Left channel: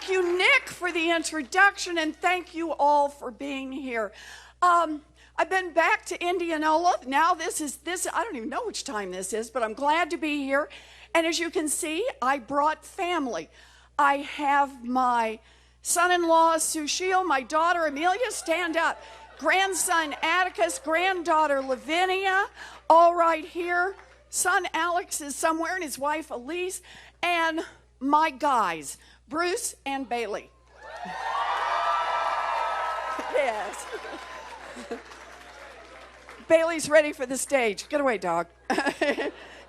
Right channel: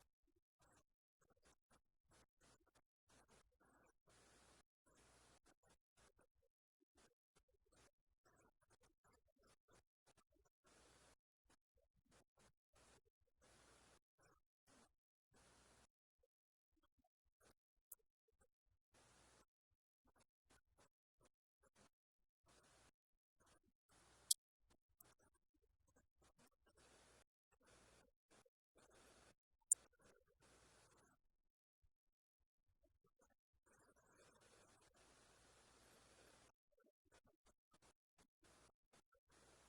Thank you, Nick, for the introduction, and thank you all for being here. I've been back to Indianola. Now this, I don't even know which time this is, but I'm glad to be here. And as you can see, I brought family. I have my son-in-law, Sushil, my daughter, Amelia, stand up. Grandson, Atticus, granddaughter, Lavinia, all right here. Son, Alex, is somewhere, and his wife, Elise, and my guys, Bruce and Bailey. Yes. Bailey's ready for the stage. Get away, dog.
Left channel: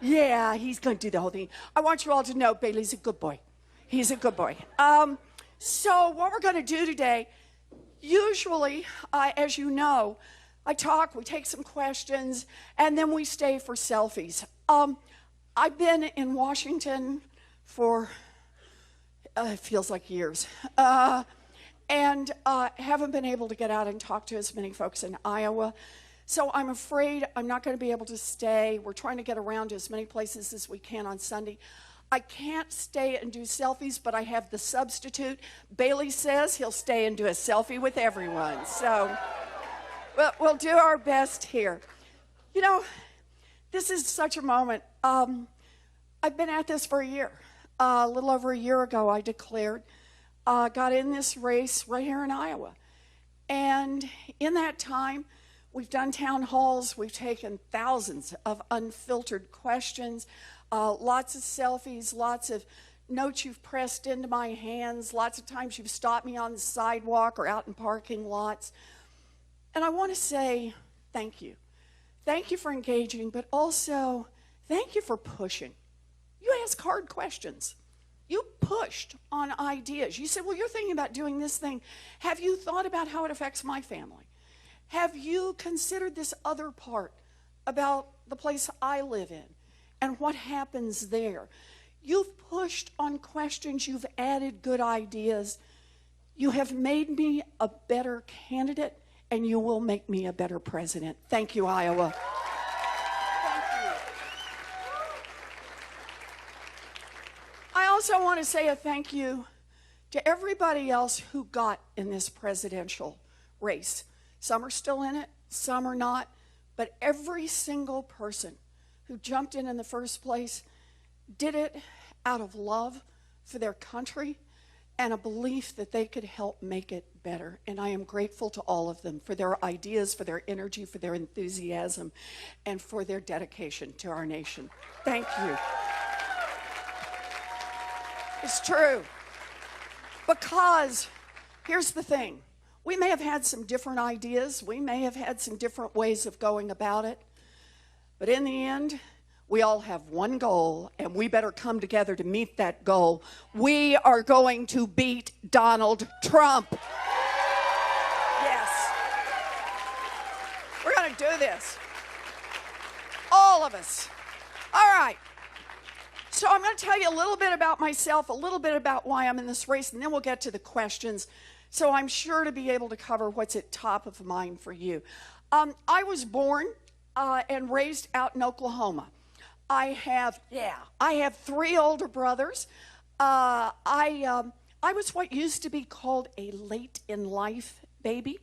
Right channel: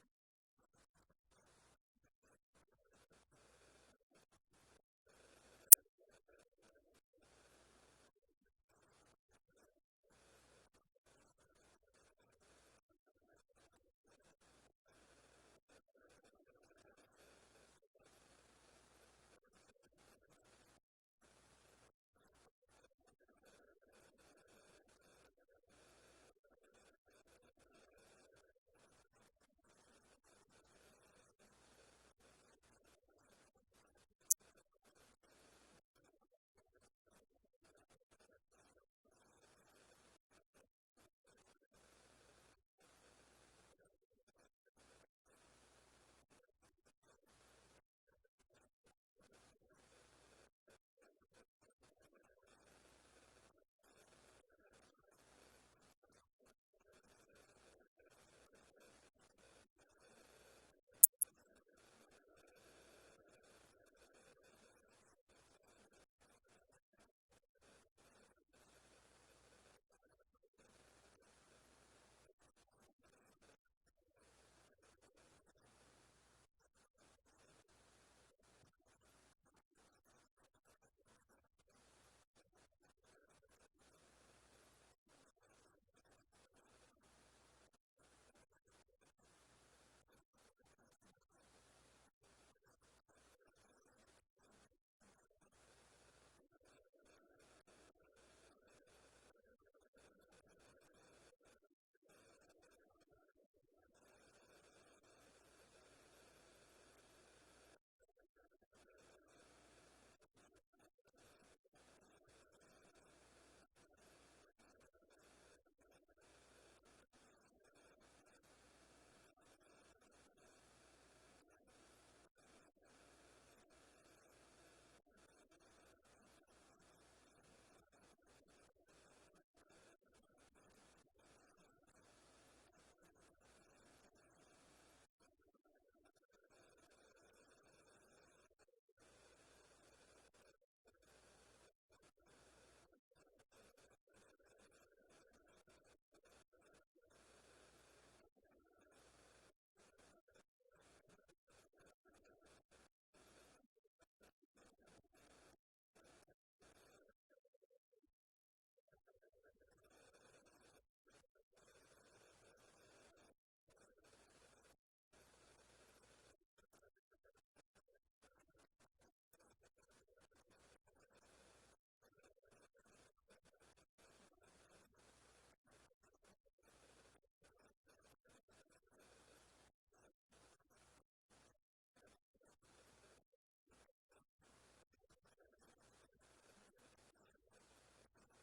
Yeah, he's going to do the whole thing. I want you all to know Bailey's a good boy. He's a good boy. So what we're going to do today, usually, as you know, I talk, we take some questions, and then we stay for selfies. I've been in Washington for, it feels like years, and haven't been able to get out and talk to as many folks in Iowa. So I'm afraid I'm not going to be able to stay. We're trying to get around to as many places as we can on Sunday. I can't stay and do selfies, but I have the substitute. Bailey says he'll stay and do a selfie with everyone. So we'll do our best here. You know, this is such a moment. I've been at this for a year. A little over a year ago, I declared, got in this race right here in Iowa. And in that time, we've done town halls. We've taken thousands of unfiltered questions, lots of selfies, lots of notes you've pressed into my hands. Lots of times you've stopped me on the sidewalk or out in parking lots. And I want to say thank you. Thank you for engaging, but also thank you for pushing. You ask hard questions. You pushed on ideas. You said, well, you're thinking about doing this thing. Have you thought about how it affects my family? Have you considered this other part about the place I live in and what happens there? You've pushed on questions. You've added good ideas. You have made me a better candidate, and you will make me a better president. Thank you, Iowa. Thank you. I also want to say a thank you to everybody else who got in this presidential race. Some are still in it, some are not, but every single person who jumped in the first place did it out of love for their country and a belief that they could help make it better. And I am grateful to all of them for their ideas, for their energy, for their enthusiasm, and for their dedication to our nation. Thank you. It's true. Because here's the thing. We may have had some different ideas. We may have had some different ways of going about it. But in the end, we all have one goal, and we better come together to meet that goal. We are going to beat Donald Trump. Yes. We're going to do this. All of us. All right. So I'm going to tell you a little bit about myself, a little bit about why I'm in this race, and then we'll get to the questions. So I'm sure to be able to cover what's at top of mind for you. I was born and raised out in Oklahoma. I have 3 older brothers. I was what used to be called a late in life baby.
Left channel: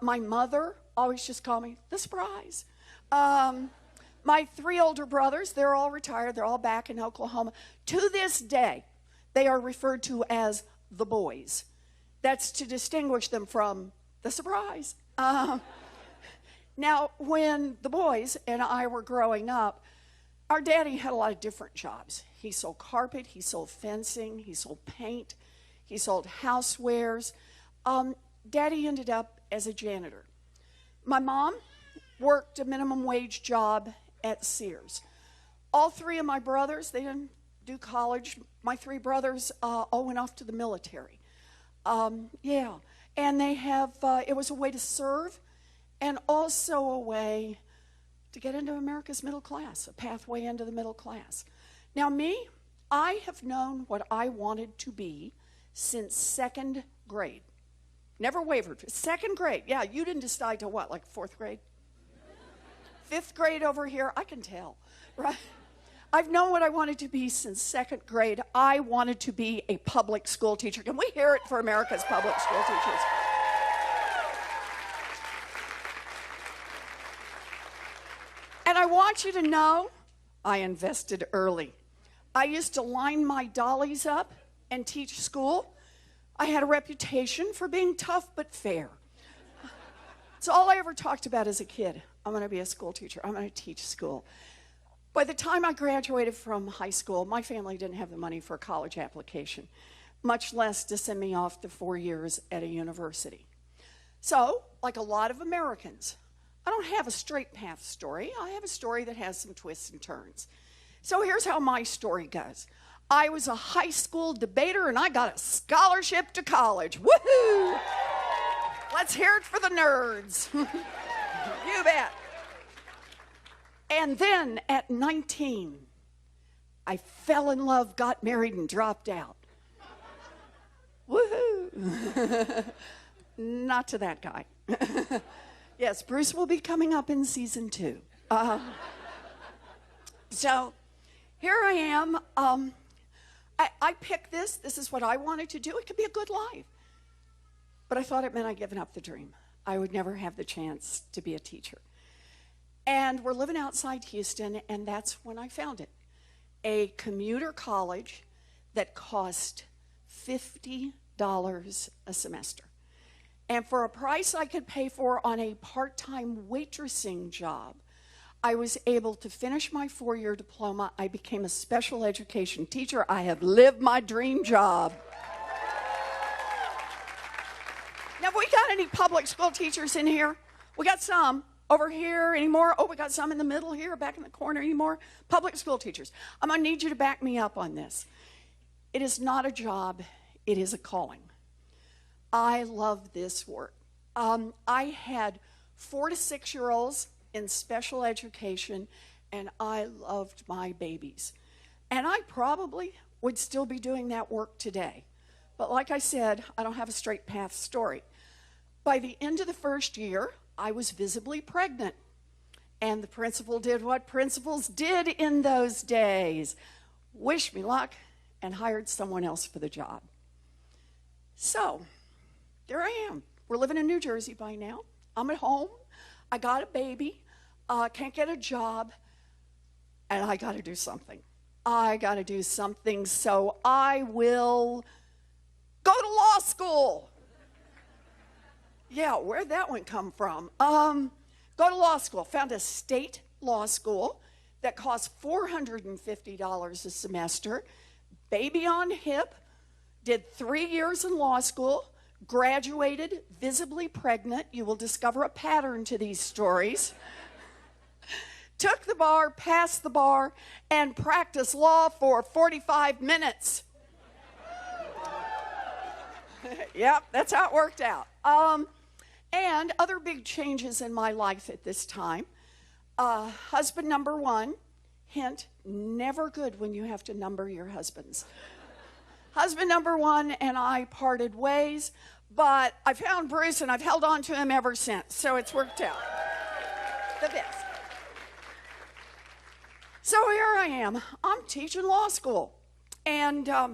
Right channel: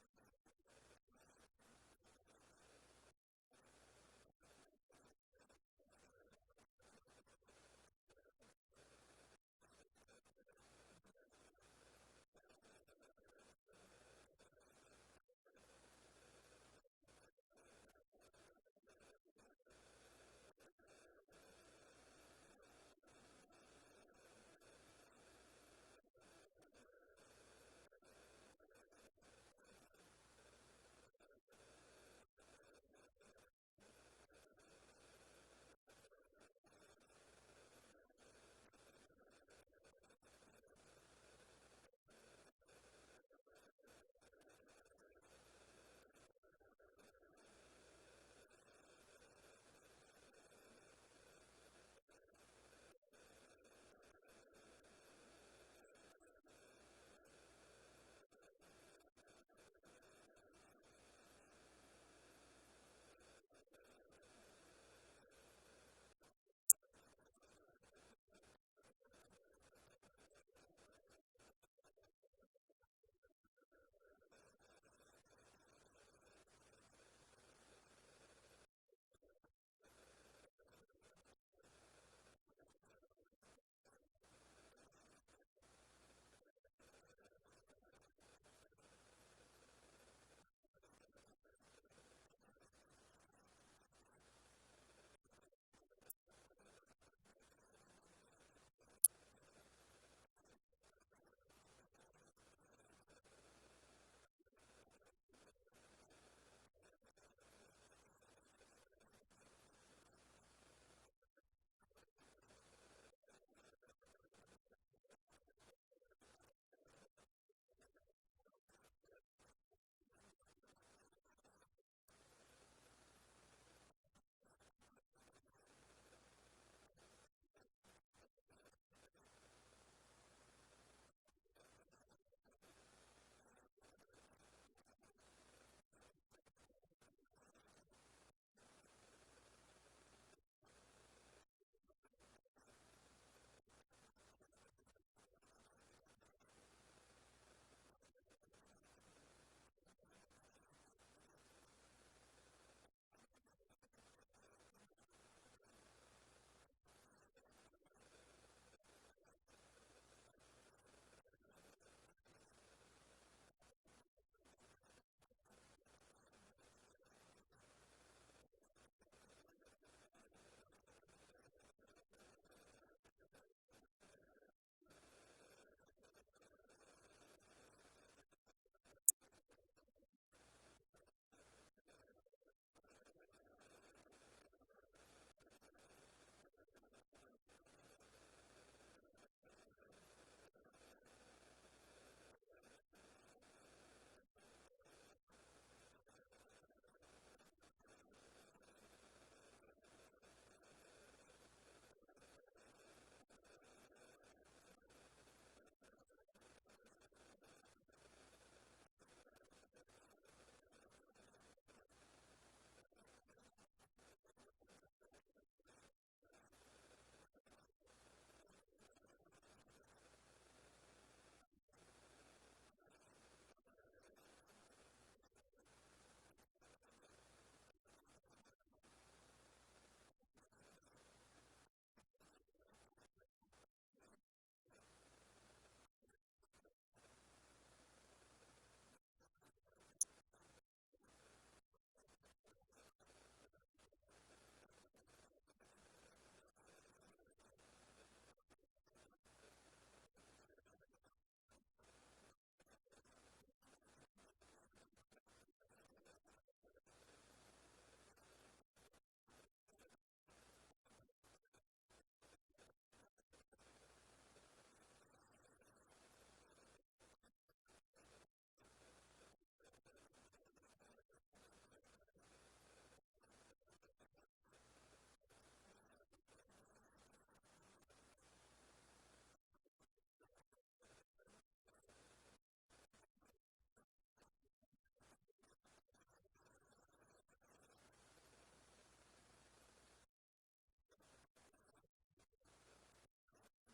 My mother always just called me the surprise. My 3 older brothers, they're all retired. They're all back in Oklahoma. To this day, they are referred to as the boys. That's to distinguish them from the surprise. Now, when the boys and I were growing up, our daddy had a lot of different jobs. He sold carpet, he sold fencing, he sold paint, he sold housewares. Daddy ended up as a janitor. My mom worked a minimum wage job at Sears. All 3 of my brothers, they didn't do college. My 3 brothers all went off to the military. And they have, it was a way to serve and also a way to get into America's middle class, a pathway into the middle class. Now me, I have known what I wanted to be since 2nd grade. Never wavered. 2nd grade, yeah, you didn't decide to what, like 4th grade? 5th grade over here, I can tell, right? I've known what I wanted to be since second grade. I wanted to be a public school teacher. Can we hear it for America's public school teachers? And I want you to know, I invested early. I used to line my dollies up and teach school. I had a reputation for being tough but fair. It's all I ever talked about as a kid. I'm going to be a school teacher. I'm going to teach school. By the time I graduated from high school, my family didn't have the money for a college application, much less to send me off to 4 years at a university. So, like a lot of Americans, I don't have a straight path story. I have a story that has some twists and turns. So here's how my story goes. I was a high school debater and I got a scholarship to college. Woohoo! Let's hear it for the nerds. You bet. And then at 19, I fell in love, got married, and dropped out. Woohoo! Not to that guy. Yes, Bruce will be coming up in season 2. So here I am. I picked this. This is what I wanted to do. It could be a good life. But I thought it meant I'd given up the dream. I would never have the chance to be a teacher. And we're living outside Houston, and that's when I found it. A commuter college that cost $50 a semester. And for a price I could pay for on a part-time waitressing job, I was able to finish my 4-year diploma. I became a special education teacher. I have lived my dream job. Now, have we got any public school teachers in here? We got some. Over here, any more? Oh, we got some in the middle here, back in the corner, any more? Public school teachers. I'm going to need you to back me up on this. It is not a job. It is a calling. I love this work. I had 4 to 6-year-olds in special education, and I loved my babies. And I probably would still be doing that work today. But like I said, I don't have a straight path story. By the end of the first year, I was visibly pregnant. And the principal did what principals did in those days. Wished me luck and hired someone else for the job. So, there I am. We're living in New Jersey by now. I'm at home. I got a baby. Can't get a job. And I got to do something. I got to do something, so I will go to law school. Yeah, where'd that one come from? Go to law school. Found a state law school that cost $450 a semester. Baby on hip. Did 3 years in law school. Graduated, visibly pregnant. You will discover a pattern to these stories. Took the bar, passed the bar, and practiced law for 45 minutes. Yep, that's how it worked out. And other big changes in my life at this time. Husband number 1, hint, never good when you have to number your husbands. Husband number 1 and I parted ways, but I found Bruce and I've held on to him ever since, so it's worked out. The best. So here I am. I'm teaching law school. And I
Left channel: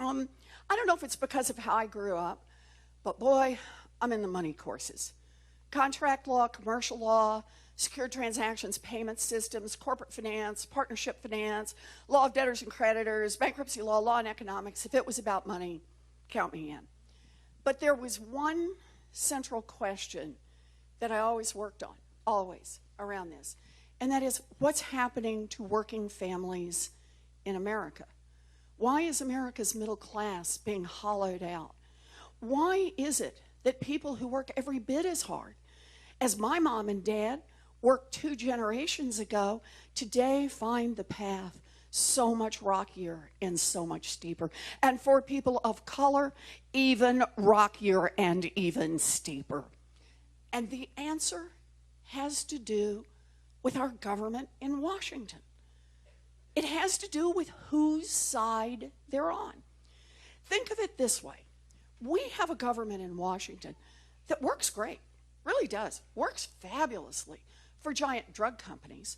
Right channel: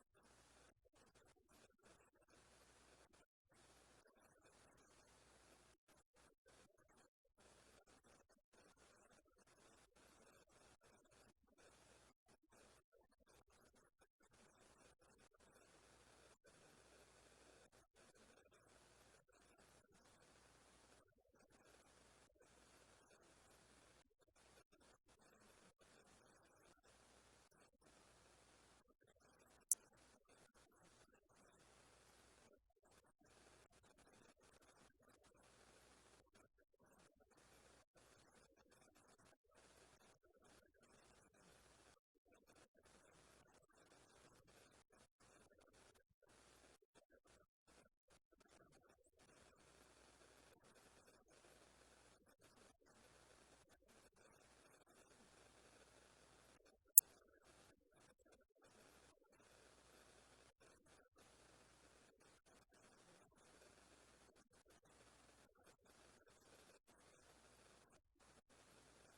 don't know if it's because of how I grew up, but boy, I'm in the money courses. Contract law, commercial law, secure transactions, payment systems, corporate finance, partnership finance, law of debtors and creditors, bankruptcy law, law and economics. If it was about money, count me in. But there was one central question that I always worked on, always, around this. And that is, what's happening to working families in America? Why is America's middle class being hollowed out? Why is it that people who work every bit as hard as my mom and dad worked 2 generations ago, today find the path so much rockier and so much steeper? And for people of color, even rockier and even steeper. And the answer has to do with our government in Washington. It has to do with whose side they're on. Think of it this way. We have a government in Washington that works great, really does, works fabulously for giant drug companies.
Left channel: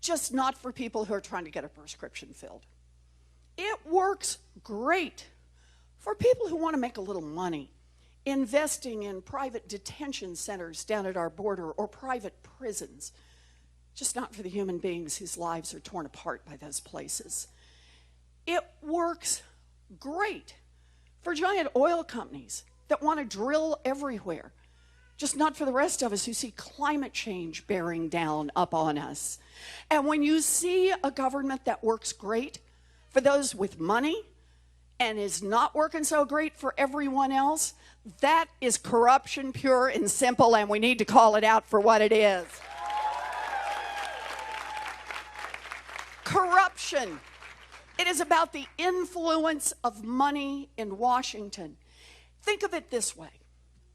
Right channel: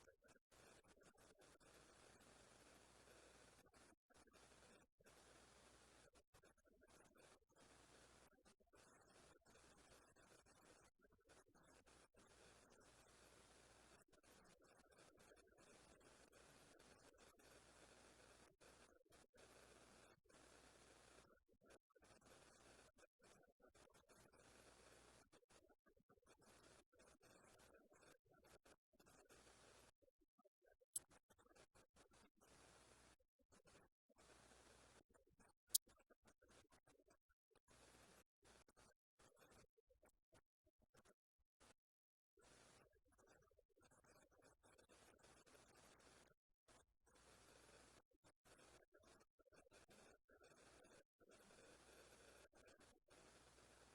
just not for people who are trying to get a prescription filled. It works great for people who want to make a little money, investing in private detention centers down at our border or private prisons, just not for the human beings whose lives are torn apart by those places. It works great for giant oil companies that want to drill everywhere, just not for the rest of us who see climate change bearing down upon us. And when you see a government that works great for those with money and is not working so great for everyone else, that is corruption pure and simple, and we need to call it out for what it is. Corruption. It is about the influence of money in Washington. Think of it this way.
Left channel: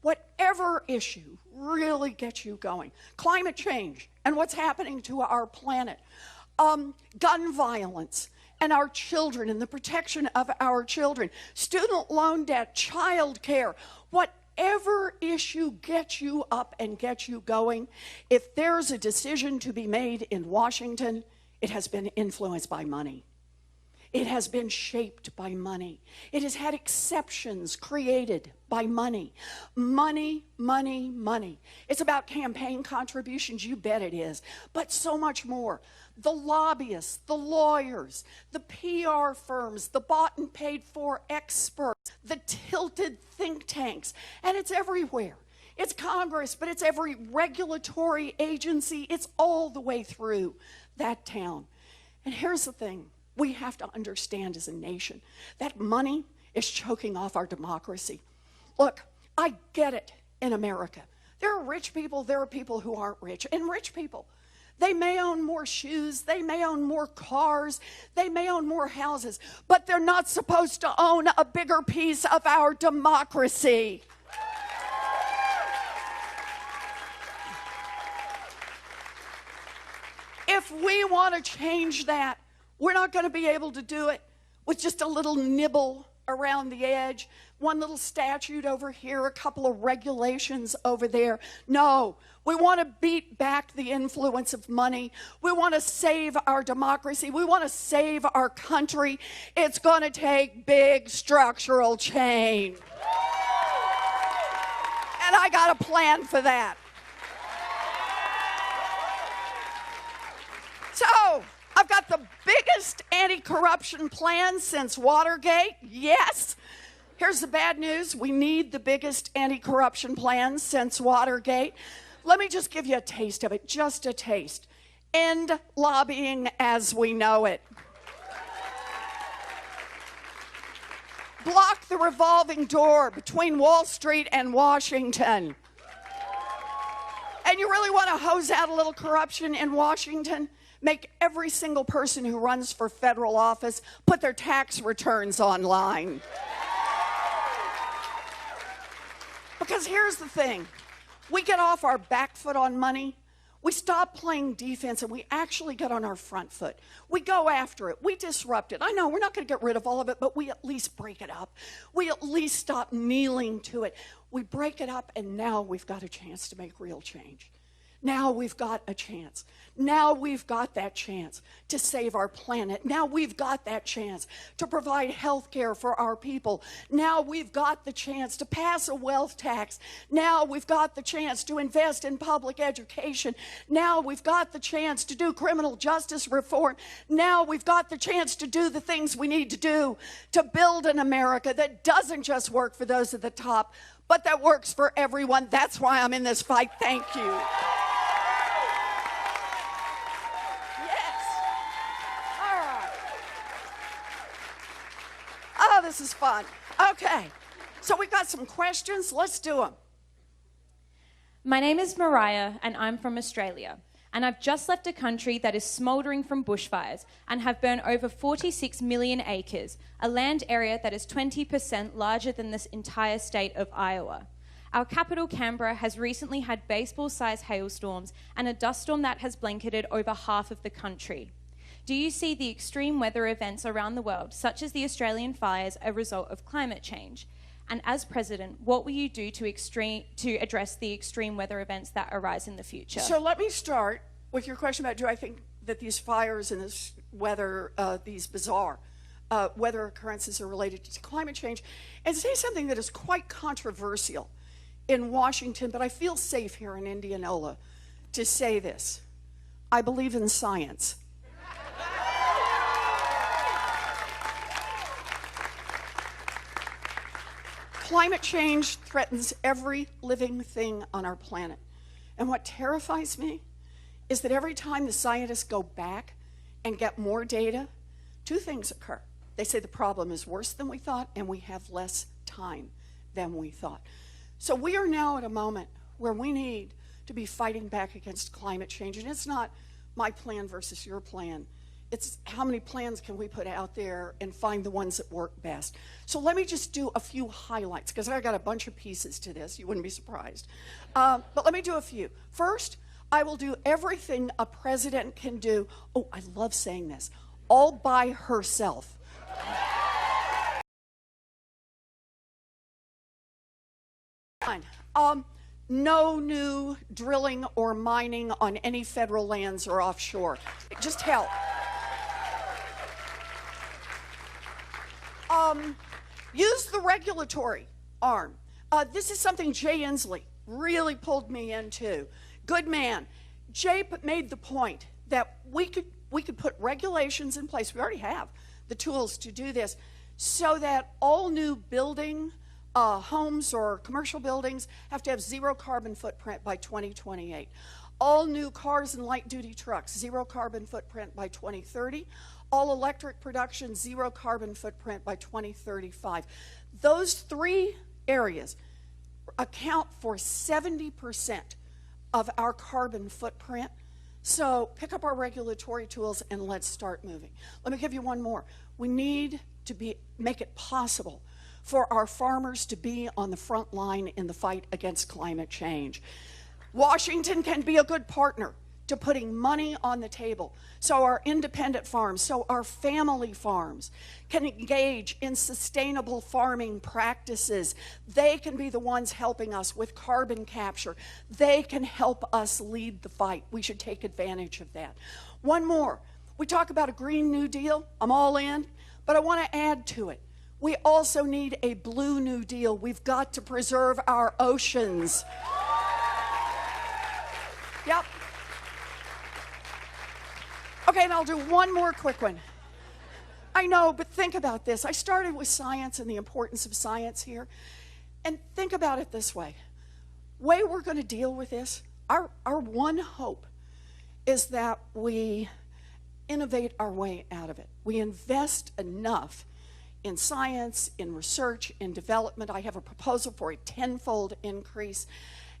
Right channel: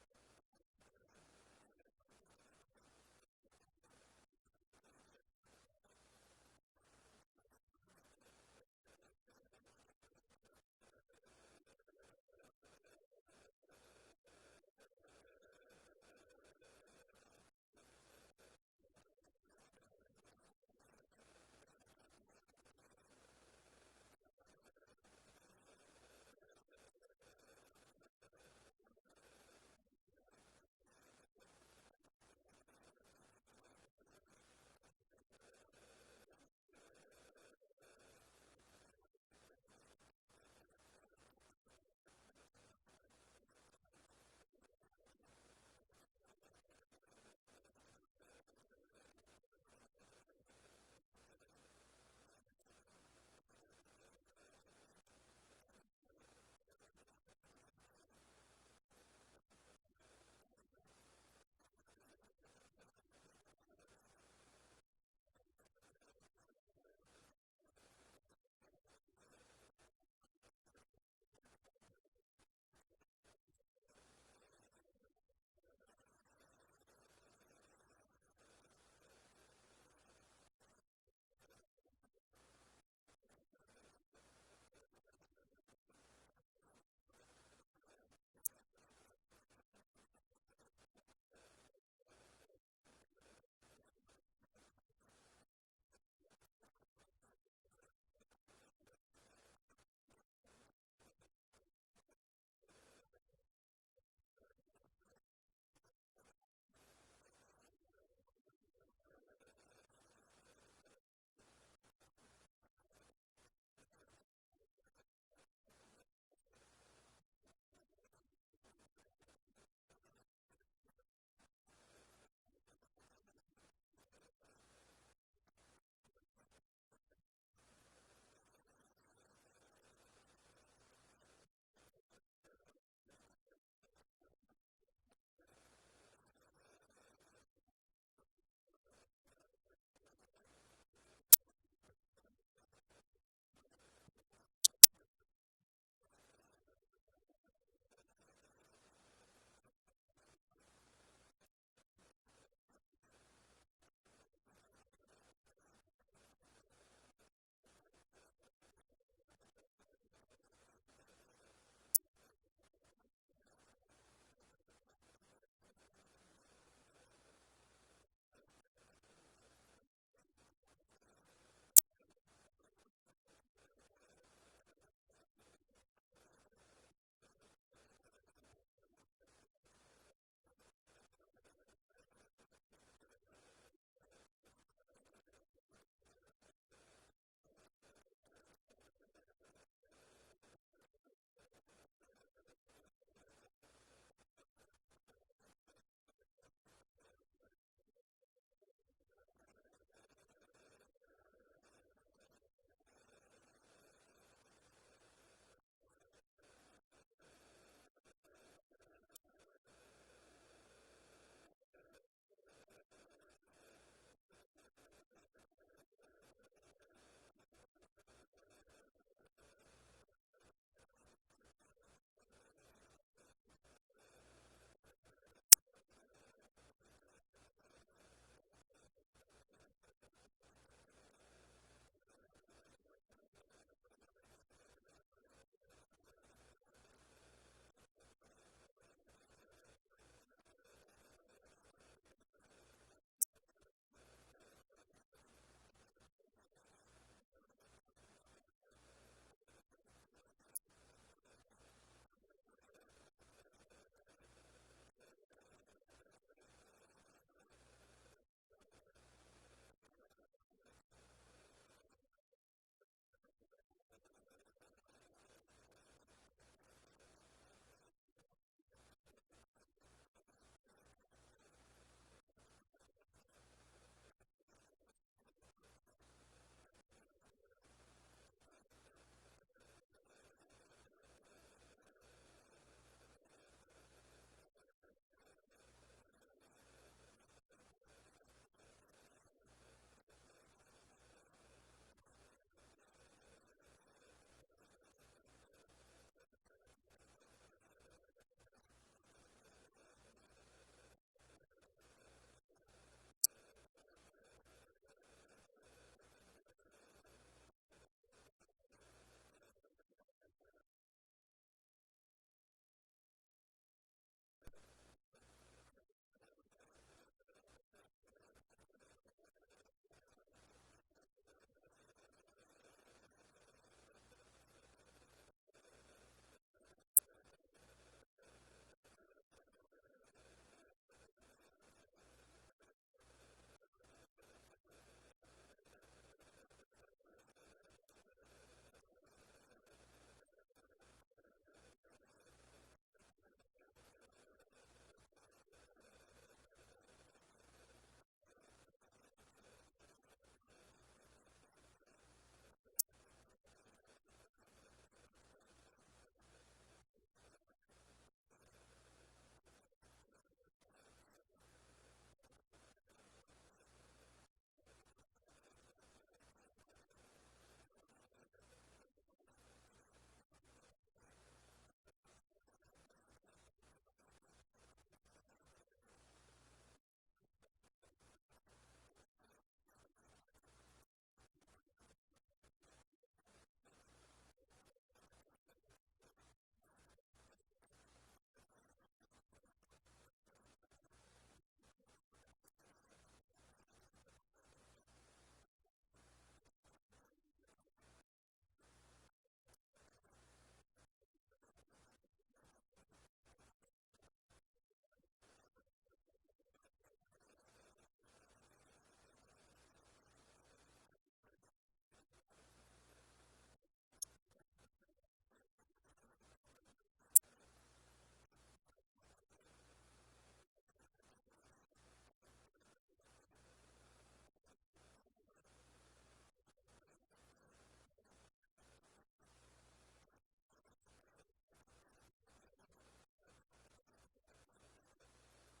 Whatever issue really gets you going, climate change and what's happening to our planet, gun violence and our children and the protection of our children, student loan debt, child care, whatever issue gets you up and gets you going, if there's a decision to be made in Washington, it has been influenced by money. It has been shaped by money. It has had exceptions created by money. Money, money, money. It's about campaign contributions, you bet it is, but so much more. The lobbyists, the lawyers, the PR firms, the bought and paid for experts, the tilted think tanks, and it's everywhere. It's Congress, but it's every regulatory agency. It's all the way through that town. And here's the thing. We have to understand as a nation that money is choking off our democracy. Look, I get it in America. There are rich people, there are people who aren't rich. And rich people, they may own more shoes, they may own more cars, they may own more houses, but they're not supposed to own a bigger piece of our democracy. If we want to change that, we're not going to be able to do it with just a little nibble around the edge, one little statute over here, a couple of regulations over there. No, we want to beat back the influence of money. We want to save our democracy. We want to save our country. It's going to take big structural change. And I got a plan for that. So, I've got the biggest anti-corruption plan since Watergate, yes. Here's the bad news. We need the biggest anti-corruption plan since Watergate. Let me just give you a taste of it, just a taste. End lobbying as we know it. Block the revolving door between Wall Street and Washington. And you really want to hose out a little corruption in Washington? Make every single person who runs for federal office put their tax returns online. Because here's the thing. We get off our back foot on money. We stop playing defense and we actually get on our front foot. We go after it. We disrupt it. I know we're not going to get rid of all of it, but we at least break it up. We at least stop kneeling to it. We break it up, and now we've got a chance to make real change. Now we've got a chance. Now we've got that chance to save our planet. Now we've got that chance to provide health care for our people. Now we've got the chance to pass a wealth tax. Now we've got the chance to invest in public education. Now we've got the chance to do criminal justice reform. Now we've got the chance to do the things we need to do to build an America that doesn't just work for those at the top, but that works for everyone. That's why I'm in this fight. Thank you. This is fun. Okay, so we've got some questions. Let's do them. My name is Mariah, and I'm from Australia. And I've just left a country that is smouldering from bushfires and have burned over 46 million acres, a land area that is 20% larger than this entire state of Iowa. Our capital, Canberra, has recently had baseball-sized hailstorms and a dust storm that has blanketed over half of the country. Do you see the extreme weather events around the world, such as the Australian fires, a result of climate change? And as president, what will you do to address the extreme weather events that arise in the future? So let me start with your question about, do I think that these fires and this weather, these bizarre weather occurrences are related to climate change, and say something that is quite controversial in Washington, but I feel safe here in Indianola to say this. I believe in science. Climate change threatens every living thing on our planet. And what terrifies me is that every time the scientists go back and get more data, two things occur. They say the problem is worse than we thought, and we have less time than we thought. So we are now at a moment where we need to be fighting back against climate change. And it's not my plan versus your plan. It's how many plans can we put out there and find the ones that work best. So let me just do a few highlights, because I got a bunch of pieces to this. You wouldn't be surprised. But let me do a few. First, I will do everything a president can do. Oh, I love saying this. All by herself. No new drilling or mining on any federal lands or offshore. Just help. Use the regulatory arm. This is something Jay Inslee really pulled me into. Good man. Jay made the point that we could put regulations in place. We already have the tools to do this, so that all new building homes or commercial buildings have to have zero carbon footprint by 2028. All new cars and light-duty trucks, zero carbon footprint by 2030. All electric production, zero carbon footprint by 2035. Those three areas account for 70% of our carbon footprint. So pick up our regulatory tools and let's start moving. Let me give you one more. We need to make it possible for our farmers to be on the front line in the fight against climate change. Washington can be a good partner to putting money on the table so our independent farms, so our family farms can engage in sustainable farming practices. They can be the ones helping us with carbon capture. They can help us lead the fight. We should take advantage of that. One more. We talk about a Green New Deal. I'm all in, but I want to add to it. We also need a Blue New Deal. We've got to preserve our oceans. Yep. Okay, and I'll do one more quick one. I know, but think about this. I started with science and the importance of science here. And think about it this way. Way we're going to deal with this, our one hope is that we innovate our way out of it. We invest enough in science, in research, in development. I have a proposal for a tenfold increase.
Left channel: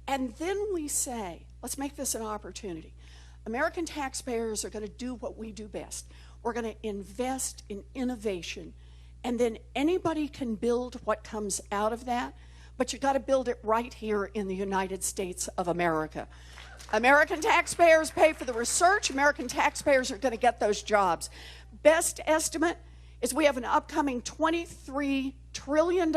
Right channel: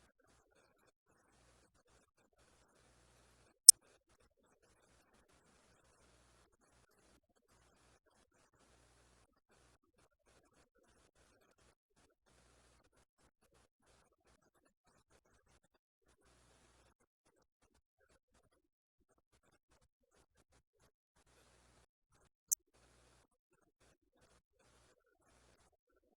And then we say, let's make this an opportunity. American taxpayers are going to do what we do best. We're going to invest in innovation, and then anybody can build what comes out of that, but you got to build it right here in the United States of America. American taxpayers pay for the research. American taxpayers are going to get those jobs. Best estimate is we have an upcoming $23 trillion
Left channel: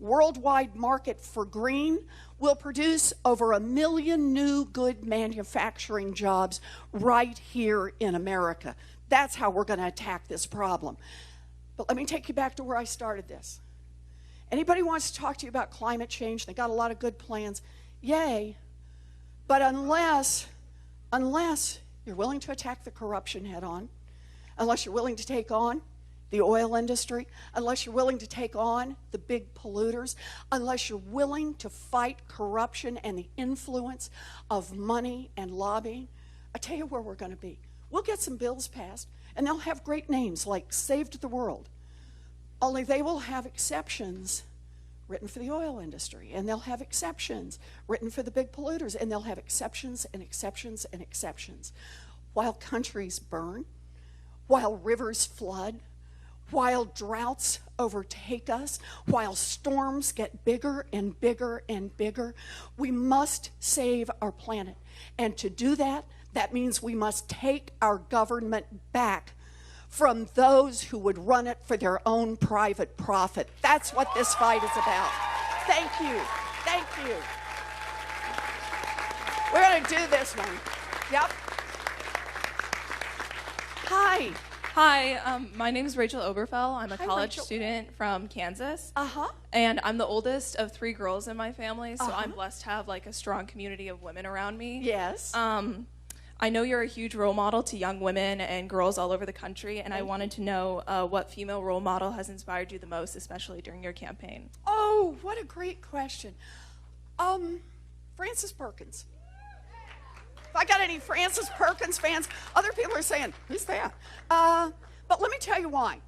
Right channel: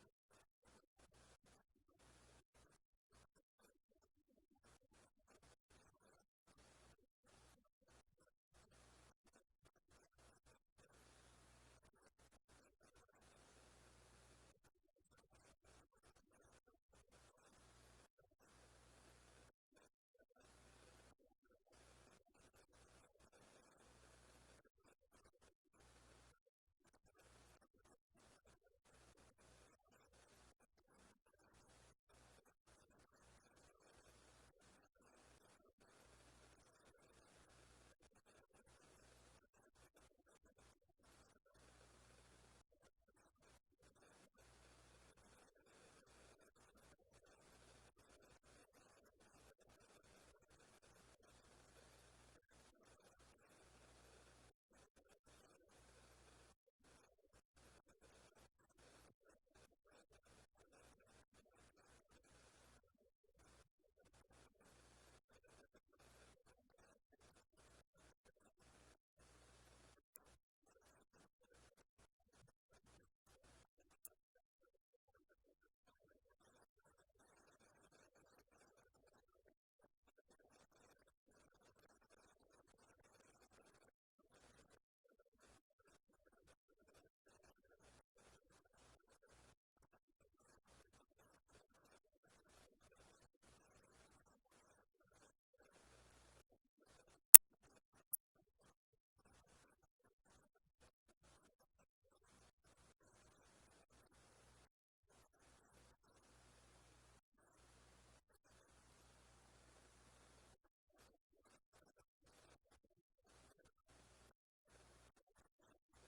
worldwide market for green. We'll produce over 1 million new good manufacturing jobs right here in America. That's how we're going to attack this problem. But let me take you back to where I started this. Anybody wants to talk to you about climate change, they got a lot of good plans, yay. But unless you're willing to attack the corruption head on, unless you're willing to take on the oil industry, unless you're willing to take on the big polluters, unless you're willing to fight corruption and the influence of money and lobbying, I tell you where we're going to be. We'll get some bills passed, and they'll have great names like Saved the World, only they will have exceptions written for the oil industry, and they'll have exceptions written for the big polluters, and they'll have exceptions and exceptions and exceptions. While countries burn, while rivers flood, while droughts overtake us, while storms get bigger and bigger and bigger, we must save our planet. And to do that, that means we must take our government back from those who would run it for their own private profit. That's what this fight is about. Thank you. Thank you. We're going to do this one. Yep. Hi. Hi, my name is Rachel Oberfell. I'm a Hi, college Rachel. student from Kansas. Uh-huh. And I'm the oldest of 3 girls in my family, so Uh-huh. I'm blessed to have like a strong community of women around me. Yes. I know you're a huge role model to young women and girls all over the country, and I wanted to know what female role model has inspired you the most, especially during your campaign. Oh, what a great question. Frances Perkins. If I got any Frances Perkins fans, other people are saying, who's that? But let me tell you why.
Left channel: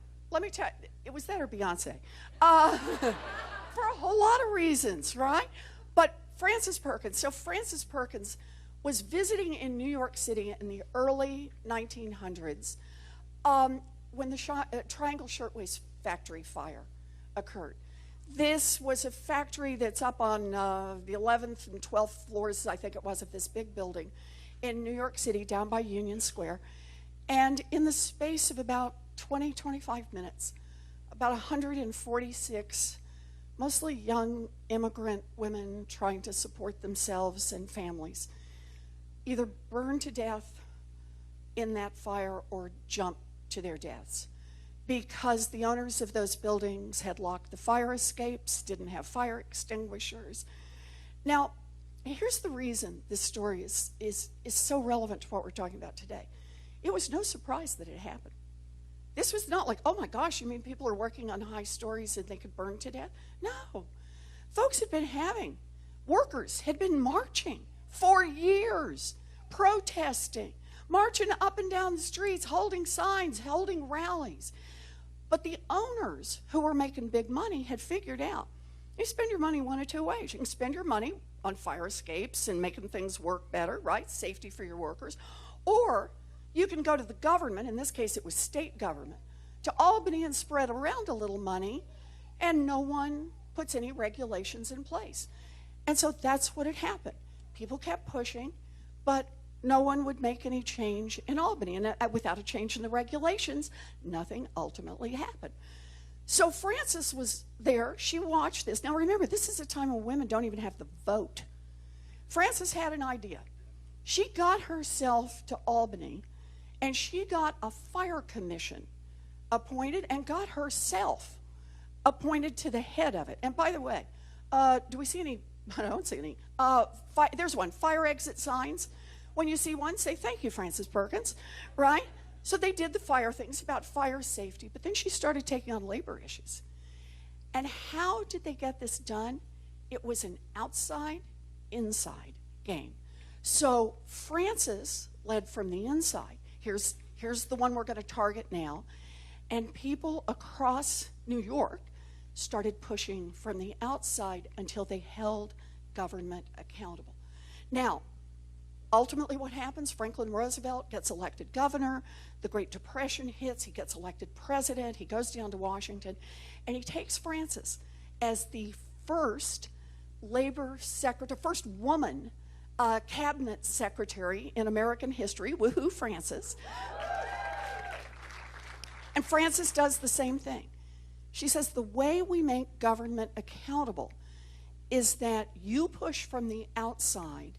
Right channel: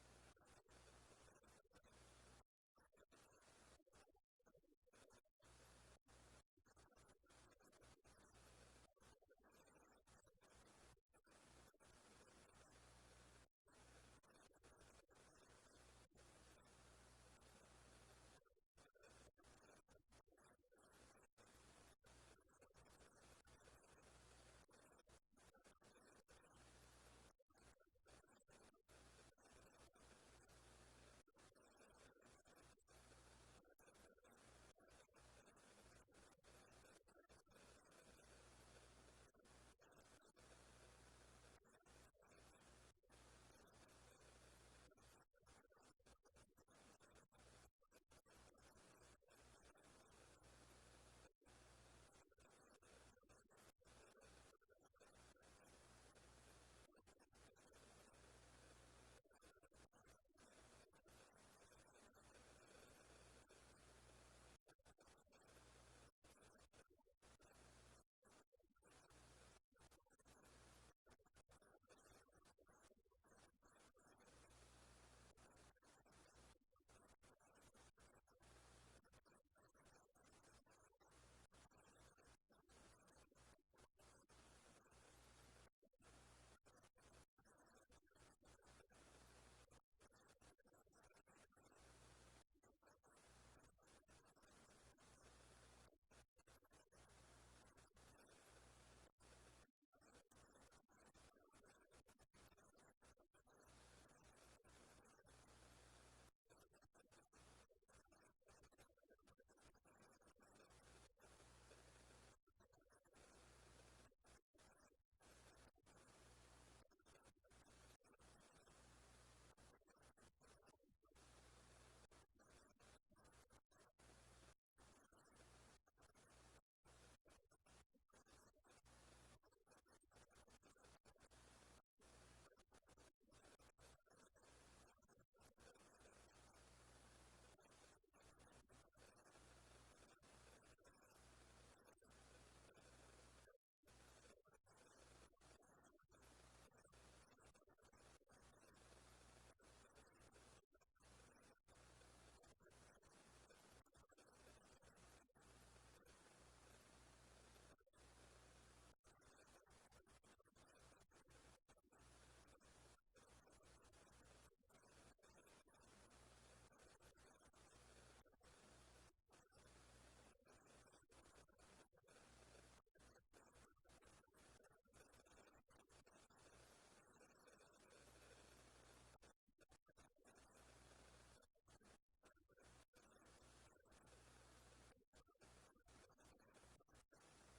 It was that or Beyonce. For a whole lot of reasons, right? But Frances Perkins. So Frances Perkins was visiting in New York City in the early 1900s when the Triangle Shirtwaist Factory fire occurred. This was a factory that's up on the 11th and 12th floors, I think it was, of this big building in New York City down by Union Square. And in the space of about 25 minutes, about 146 mostly young immigrant women trying to support themselves and families either burned to death in that fire or jumped to their deaths because the owners of those buildings had locked the fire escapes, didn't have fire extinguishers. Now, here's the reason this story is so relevant to what we're talking about today. It was no surprise that it happened. This was not like, oh my gosh, you mean people are working on high stories and they could burn to death? No. Workers had been marching for years, protesting, marching up and down the streets, holding signs, holding rallies. But the owners who were making big money had figured out, you spend your money one of two ways. You can spend your money on fire escapes and making things work better, right? Safety for your workers. Or you can go to the government, in this case it was state government, to Albany and spread around a little money, and no one puts any regulations in place. And so that's what had happened. People kept pushing, but no one would make any change in Albany. And without a change in the regulations, nothing ultimately happened. So Frances was there. She watched this. Now remember, this is a time when women don't even have the vote. Frances had an idea. She got herself to Albany, and she got a fire commission appointed and got herself appointed to the head of it. And by the way, do we see any? I don't see any. There's one, fire exit signs. When you see one, say, thank you, Frances Perkins, right? So they did the fire things about fire safety, but then she started taking on labor issues. And how did they get this done? It was an outside-inside game. So Frances led from the inside. Here's the one we're going to target now. And people across New York started pushing from the outside until they held government accountable. Now, ultimately what happens, Franklin Roosevelt gets elected governor, the Great Depression hits, he gets elected president, he goes down to Washington, and he takes Frances as the first labor secretary, first woman cabinet secretary in American history. Woohoo, Frances. And Frances does the same thing. She says the way we make government accountable is that you push from the outside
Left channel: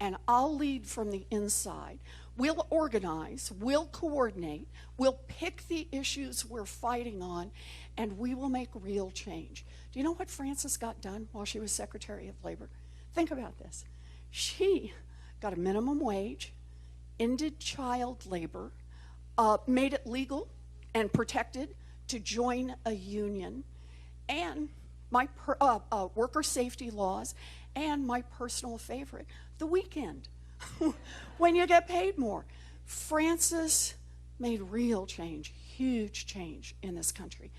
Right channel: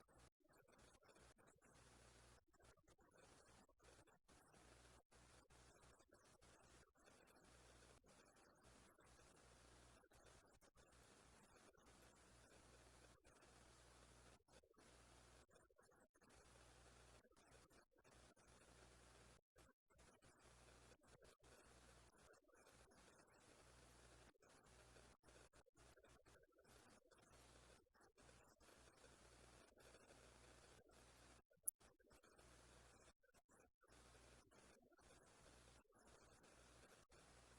and I'll lead from the inside. We'll organize, we'll coordinate, we'll pick the issues we're fighting on, and we will make real change. Do you know what Frances got done while she was Secretary of Labor? Think about this. She got a minimum wage, ended child labor, made it legal and protected to join a union, and my worker safety laws, and my personal favorite, the weekend, when you get paid more. Frances made real change, huge change in this country.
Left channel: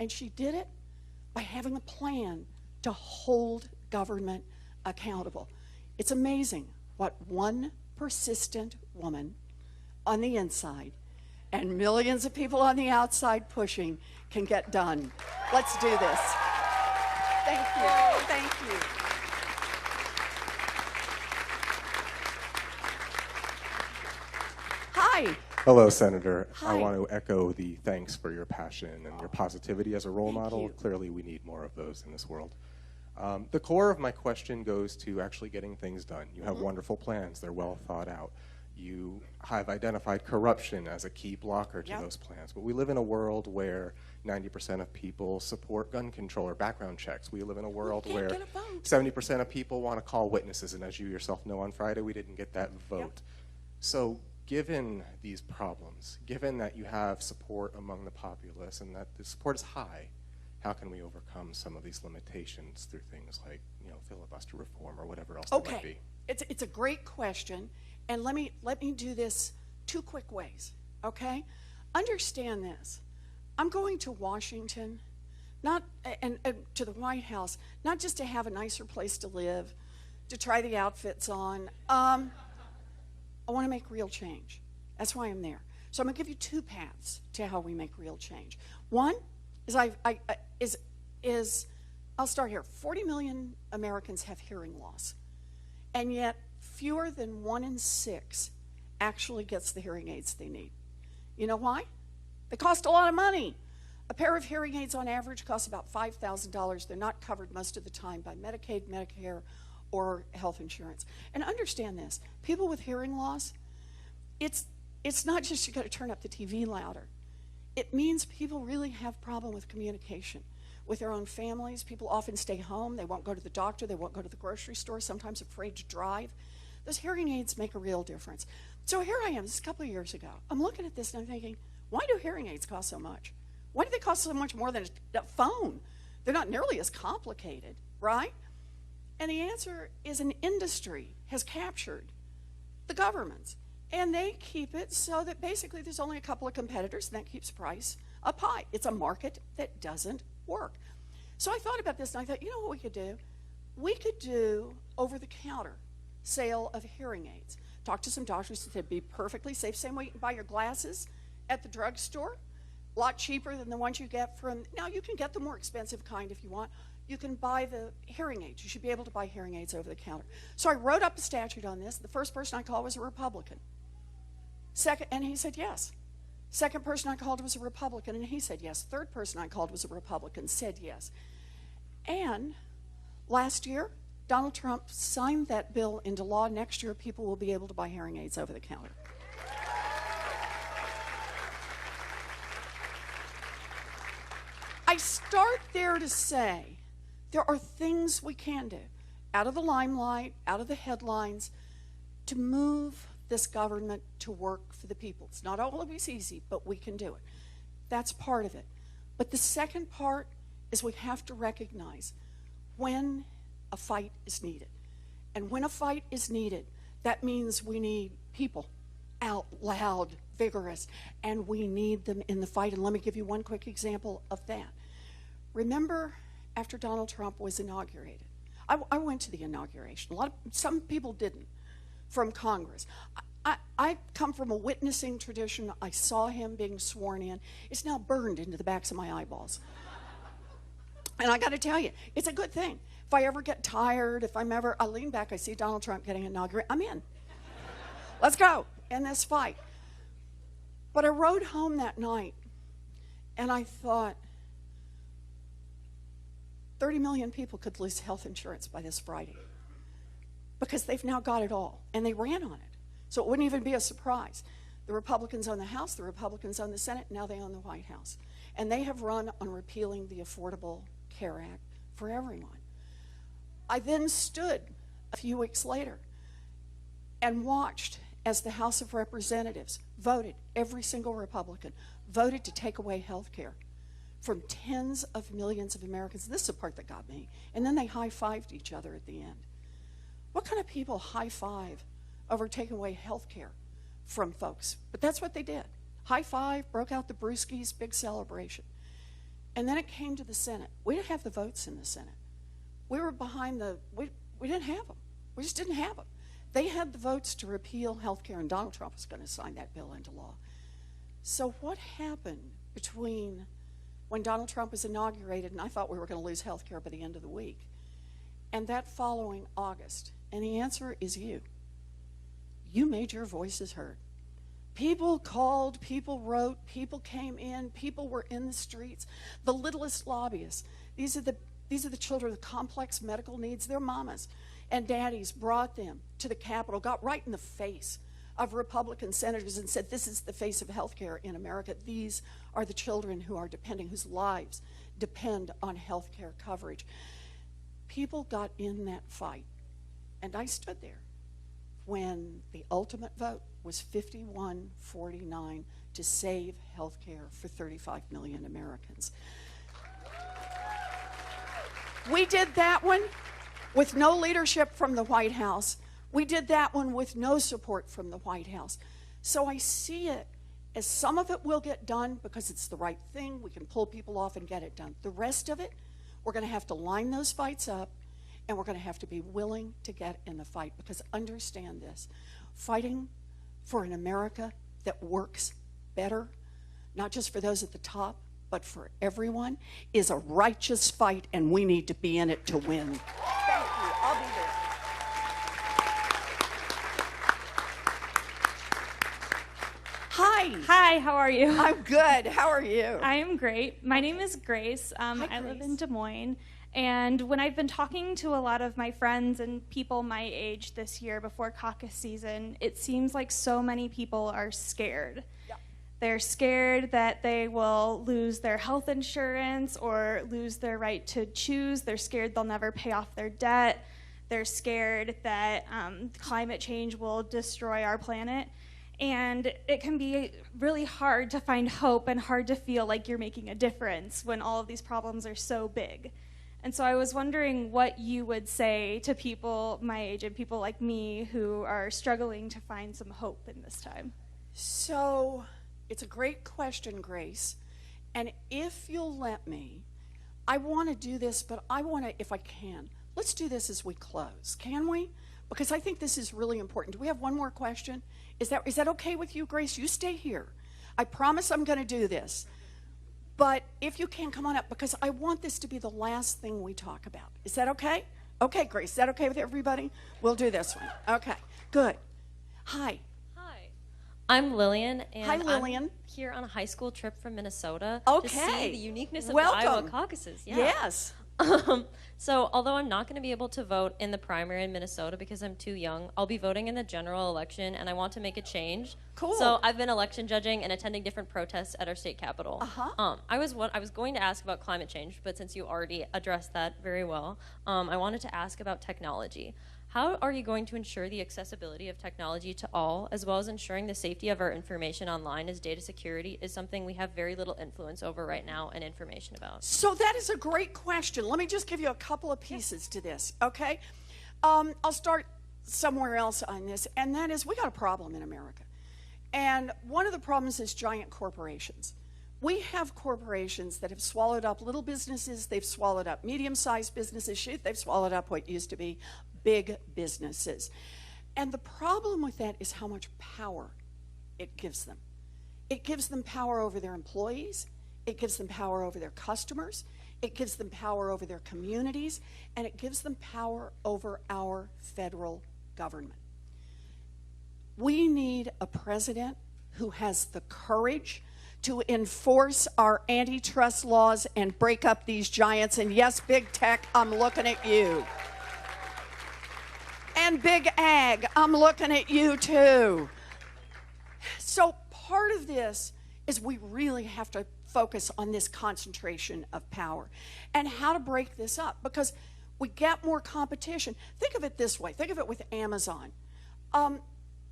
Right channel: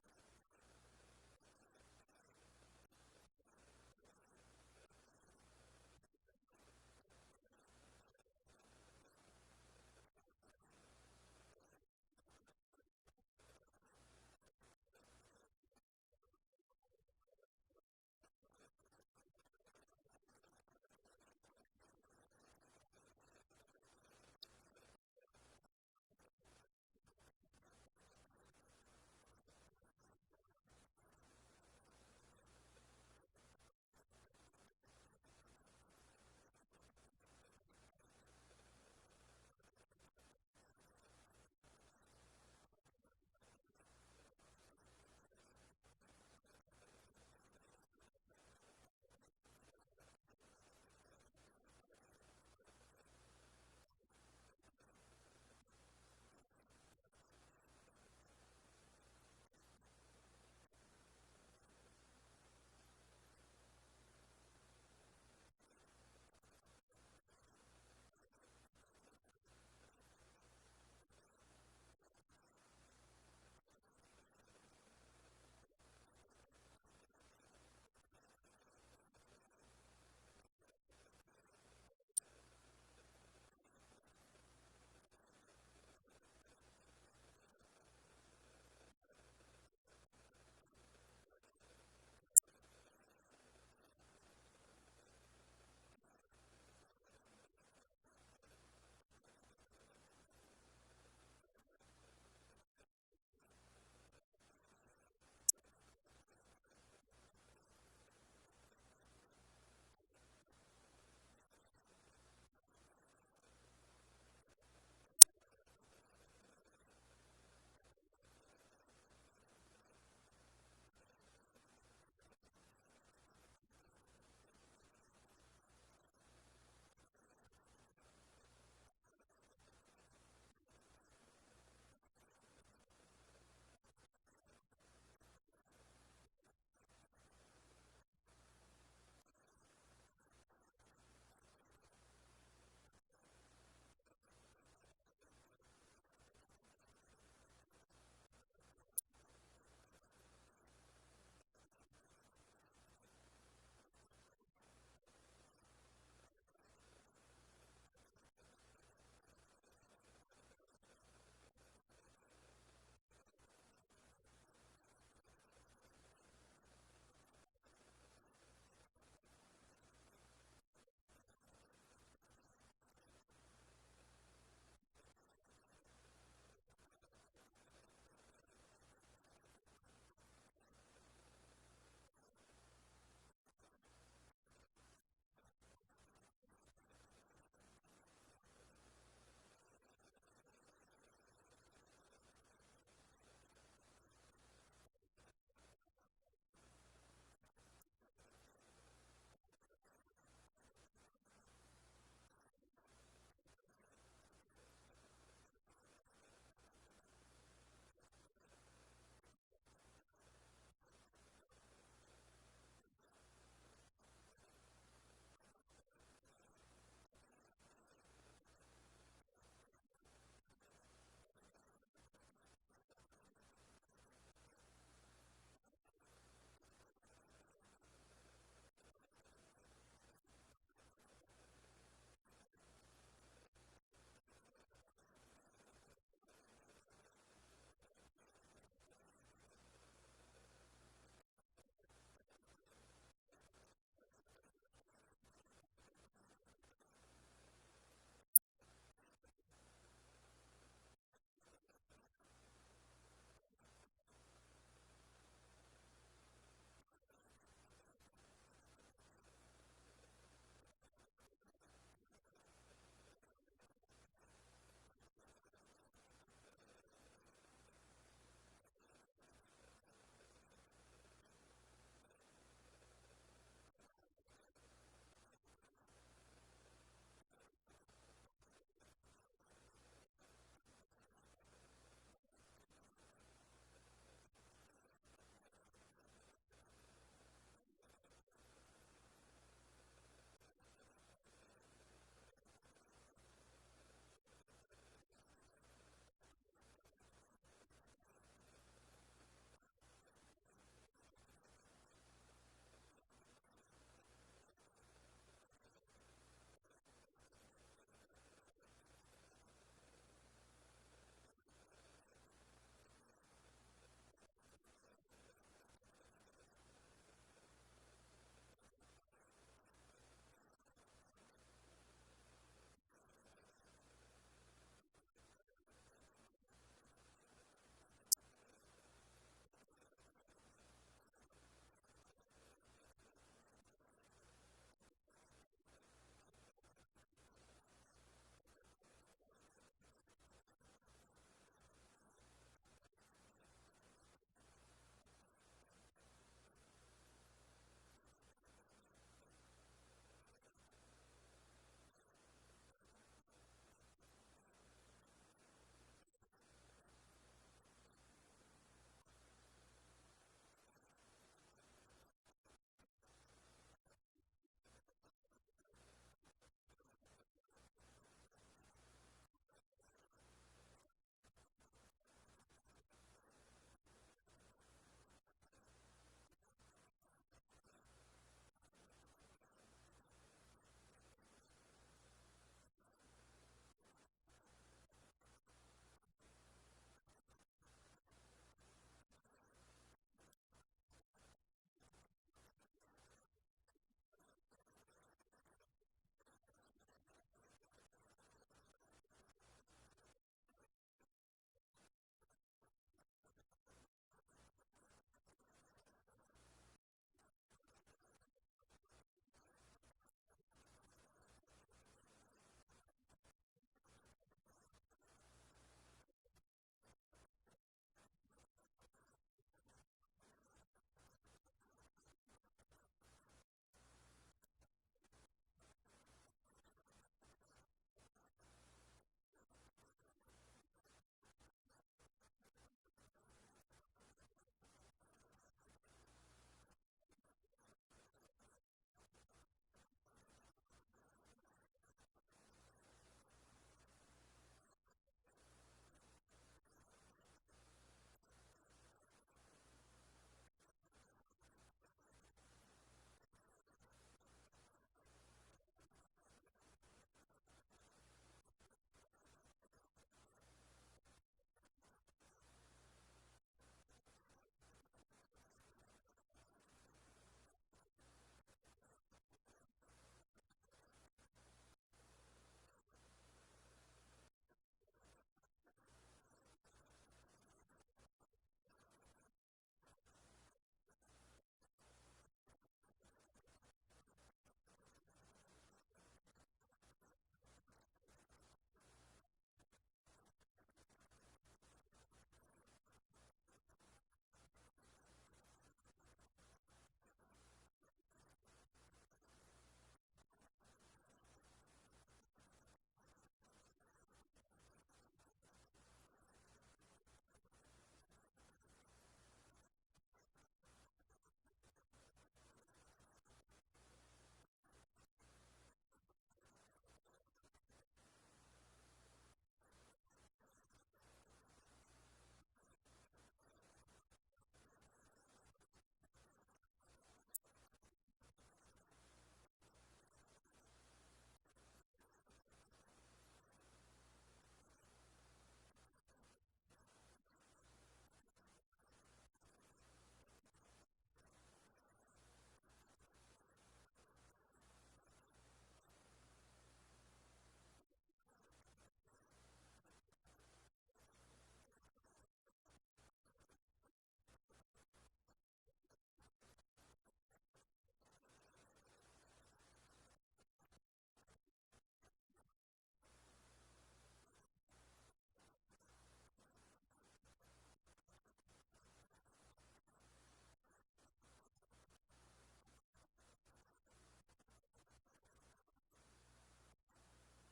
And she did it by having a plan to hold government accountable. It's amazing what one persistent woman on the inside and millions of people on the outside pushing can get done. Let's do this. Thank you. Thank you. Hi. Hello, Senator. Hi. I want to echo the thanks for your passion and your positivity as a role Thank model. you. Clearly, we need more of those in this world. The core of my question goes to actually getting things done. You have wonderful plans. They're well thought out. You have identified corruption as a key blocker to Yep. those plans. But we live in a world where 90% of people support gun control or background checks. We live in a world can't where get a vote. 70% of people want to call witnesses, and as you yourself know, on Friday we didn't get that vote. So given these problems, given that you have support among the populace and that the support is high, how can we overcome some of these limitations through things like, filibuster reform or whatever else there might be? It's a great question, and let me do this 2 quick ways, okay? Understand this. I'm going to Washington, not and to the White House, not just to have a nicer place to live, to try the outfits on. I want to make real change. That's why I'm there. So I'm going to give you 2 paths to how we make real change. One is I'll start here. 40 million Americans have hearing loss, and yet fewer than 1 in 6 actually gets the hearing aids they need. You know why? They cost a lot of money. A pair of hearing aids on average costs about $5,000. They're not covered most of the time by Medicaid, Medicare, or health insurance. And understand this, people with hearing loss, it's not just you got to turn up the TV louder. It means people really have problem with communication with their own families. People often stay home. They won't go to the doctor. They won't go to the grocery store, sometimes afraid to drive. Those hearing aids make a real difference. So here I am, this is a couple of years ago. I'm looking at this and I'm thinking, why do hearing aids cost so much? Why do they cost so much more than a phone? They're not nearly as complicated, right? And the answer is an industry has captured the governments. And they keep it so that basically there's only a couple of competitors, and that keeps price up high. It's a market that doesn't work. So I thought about this, and I thought, you know what we could do? We could do over-the-counter sale of hearing aids. Talk to some doctors that they'd be perfectly safe. Same way you can buy your glasses at the drugstore. A lot cheaper than the ones you get from, now you can get the more expensive kind if you want. You can buy the hearing aids. You should be able to buy hearing aids over the counter. So I wrote up a statute on this. The first person I called was a Republican. And he said yes. Second person I called was a Republican, and he said yes. Third person I called was a Republican, said yes. And last year, Donald Trump signed that bill into law. Next year, people will be able to buy hearing aids over the counter. I start there to say there are things we can do out of the limelight, out of the headlines, to move this government to work for the people. It's not always easy, but we can do it. That's part of it. But the second part is we have to recognize when a fight is needed. And when a fight is needed, that means we need people out loud, vigorous, and we need them in the fight. And let me give you one quick example of that. Remember after Donald Trump was inaugurated? I went to the inauguration. Some people didn't from Congress. I come from a witnessing tradition. I saw him being sworn in. It's now burned into the backs of my eyeballs. And I got to tell you, it's a good thing. If I ever get tired, I lean back, I see Donald Trump getting inaugurated, I'm in. Let's go in this fight. But I rode home that night, and I thought, 30 million people could lose health insurance by this Friday because they've now got it all, and they ran on it. So it wouldn't even be a surprise. The Republicans own the House, the Republicans own the Senate, now they own the White House. And they have run on repealing the Affordable Care Act for everyone. I then stood a few weeks later and watched as the House of Representatives voted, every single Republican, voted to take away health care from tens of millions of Americans. This is the part that got me. And then they high-fived each other at the end. What kind of people high-five over taking away health care from folks? But that's what they did. High-five, broke out the brewskis, big celebration. And then it came to the Senate. We didn't have the votes in the Senate. We were behind we didn't have them. We just didn't have them. They had the votes to repeal health care, and Donald Trump was going to sign that bill into law. So what happened between when Donald Trump was inaugurated, and I thought we were going to lose health care by the end of the week, and that following August? And the answer is you. You made your voices heard. People called, people wrote, people came in, people were in the streets. The littlest lobbyists, these are the children with complex medical needs. Their mamas and daddies brought them to the Capitol, got right in the face of Republican senators and said, this is the face of healthcare in America. These are the children who are depending, whose lives depend on healthcare coverage. People got in that fight, and I stood there when the ultimate vote was 51-49 to save healthcare for 35 million Americans. We did that one with no leadership from the White House. We did that one with no support from the White House. So I see it as some of it will get done because it's the right thing. We can pull people off and get it done. The rest of it, we're going to have to line those fights up, and we're going to have to be willing to get in the fight, because understand this, fighting for an America that works better, not just for those at the top, but for everyone, is a righteous fight, and we need to be in it to win. Thank you. I'll be there. Hi. Hi, how are you? I'm good. How are you? I am great. My name is Grace. I live in Des Moines. And when I've been talking to a lot of my friends and people my age this year before caucus season, it seems like so many people are scared. Yeah. They're scared that they will lose their health insurance or lose their right to choose. They're scared they'll never pay off their debt. They're scared that climate change will destroy our planet. And it can be really hard to find hope and hard to feel like you're making a difference when all of these problems are so big. And so I was wondering what you would say to people my age and people like me who are struggling to find some hope in this time. So it's a great question, Grace. And if you'll let me, I want to do this, but I want to, if I can, let's do this as we close. Can we? Because I think this is really important. Do we have one more question? Is that okay with you, Grace? You stay here. I promise I'm going to do this. But if you can, come on up, because I want this to be the last thing we talk about. Is that okay? Okay, Grace, is that okay with everybody? We'll do this one. Okay, good. Hi. Hi, I'm Lillian, and Hi, Lillian. I'm here on a high school trip from Minnesota to Okay. see the uniqueness of Welcome. the Iowa caucuses. Yeah. Yes. So although I'm not going to be able to vote in the primary in Minnesota because I'm too young, I'll be voting in the general election, and I want to make a change. Cool. So I've been election judging and attending different protests at our state capitol. I was going to ask about climate change, but since you already addressed that very well, I wanted to ask about technology. How are you going to ensure the accessibility of technology to all, as well as ensuring the safety of our information online, as data security is something we have very little influence over right now and information about? So that is a great question. Let me just give you a couple of pieces to this, okay? I'll start somewhere else on this, and that is we got a problem in America. And one of the problems is giant corporations. We have corporations that have swallowed up little businesses, they've swallowed up medium-sized businesses, shoot, they've swallowed up what used to be big businesses. And the problem with that is how much power it gives them. It gives them power over their employees, it gives them power over their customers, it gives them power over their communities, and it gives them power over our federal government. We need a president who has the courage to enforce our antitrust laws and break up these giants. And yes, big tech, I'm looking at you. And big ag, I'm looking at you too. So part of this is we really have to focus on this concentration of power and how to break this up, because we get more competition. Think of it this way. Think of it with Amazon.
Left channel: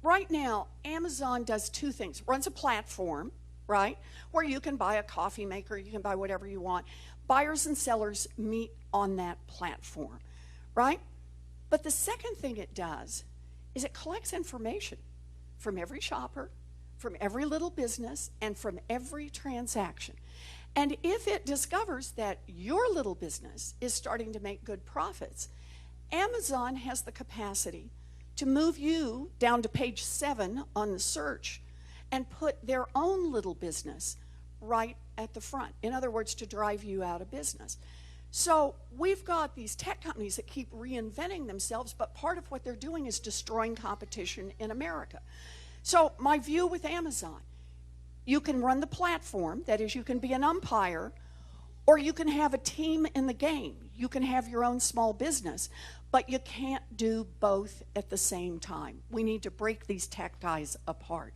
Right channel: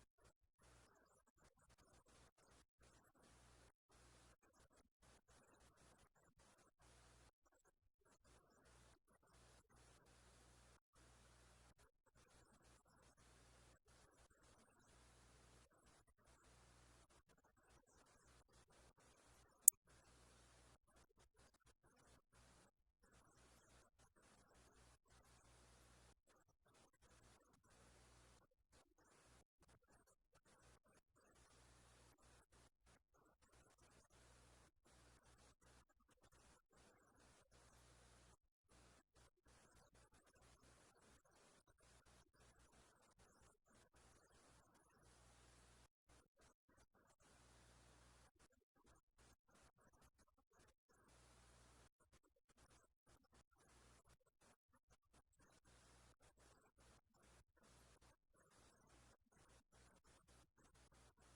Right now, Amazon does two things. Runs a platform, right, where you can buy a coffee maker, you can buy whatever you want. Buyers and sellers meet on that platform, right? But the second thing it does is it collects information from every shopper, from every little business, and from every transaction. And if it discovers that your little business is starting to make good profits, Amazon has the capacity to move you down to page 7 on the search and put their own little business right at the front. In other words, to drive you out of business. So we've got these tech companies that keep reinventing themselves, but part of what they're doing is destroying competition in America. So my view with Amazon, you can run the platform, that is, you can be an umpire, or you can have a team in the game. You can have your own small business. But you can't do both at the same time. We need to break these tech guys apart.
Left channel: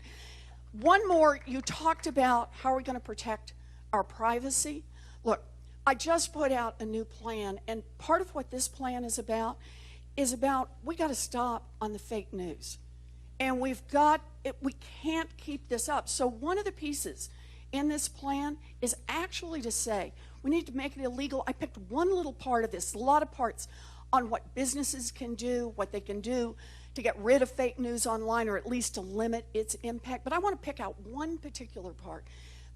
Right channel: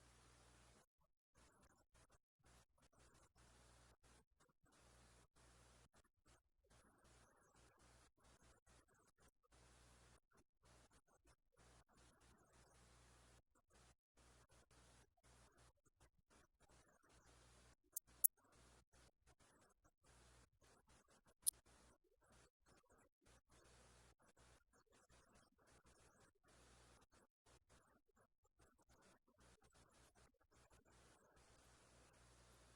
One more, you talked about how are we going to protect our privacy. Look, I just put out a new plan, and part of what this plan is about we got to stop on the fake news. And we can't keep this up. So one of the pieces in this plan is actually to say we need to make it illegal. I picked one little part of this, a lot of parts on what businesses can do, what they can do to get rid of fake news online, or at least to limit its impact. But I want to pick out one particular part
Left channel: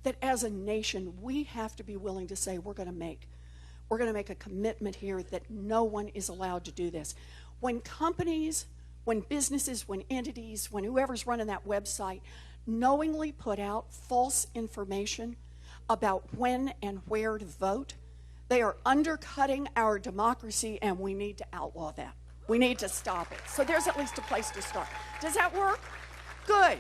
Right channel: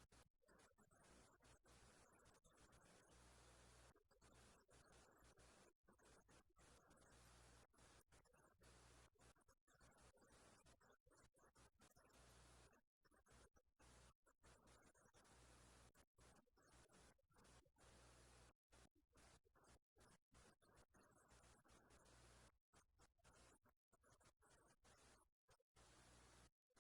that as a nation we have to be willing to say we're going to make a commitment here that no one is allowed to do this. When companies, when businesses, when entities, when whoever's running that website knowingly put out false information about when and where to vote, they are undercutting our democracy, and we need to outlaw that. We need to stop it. So there's at least a place to start. Does that work? Good.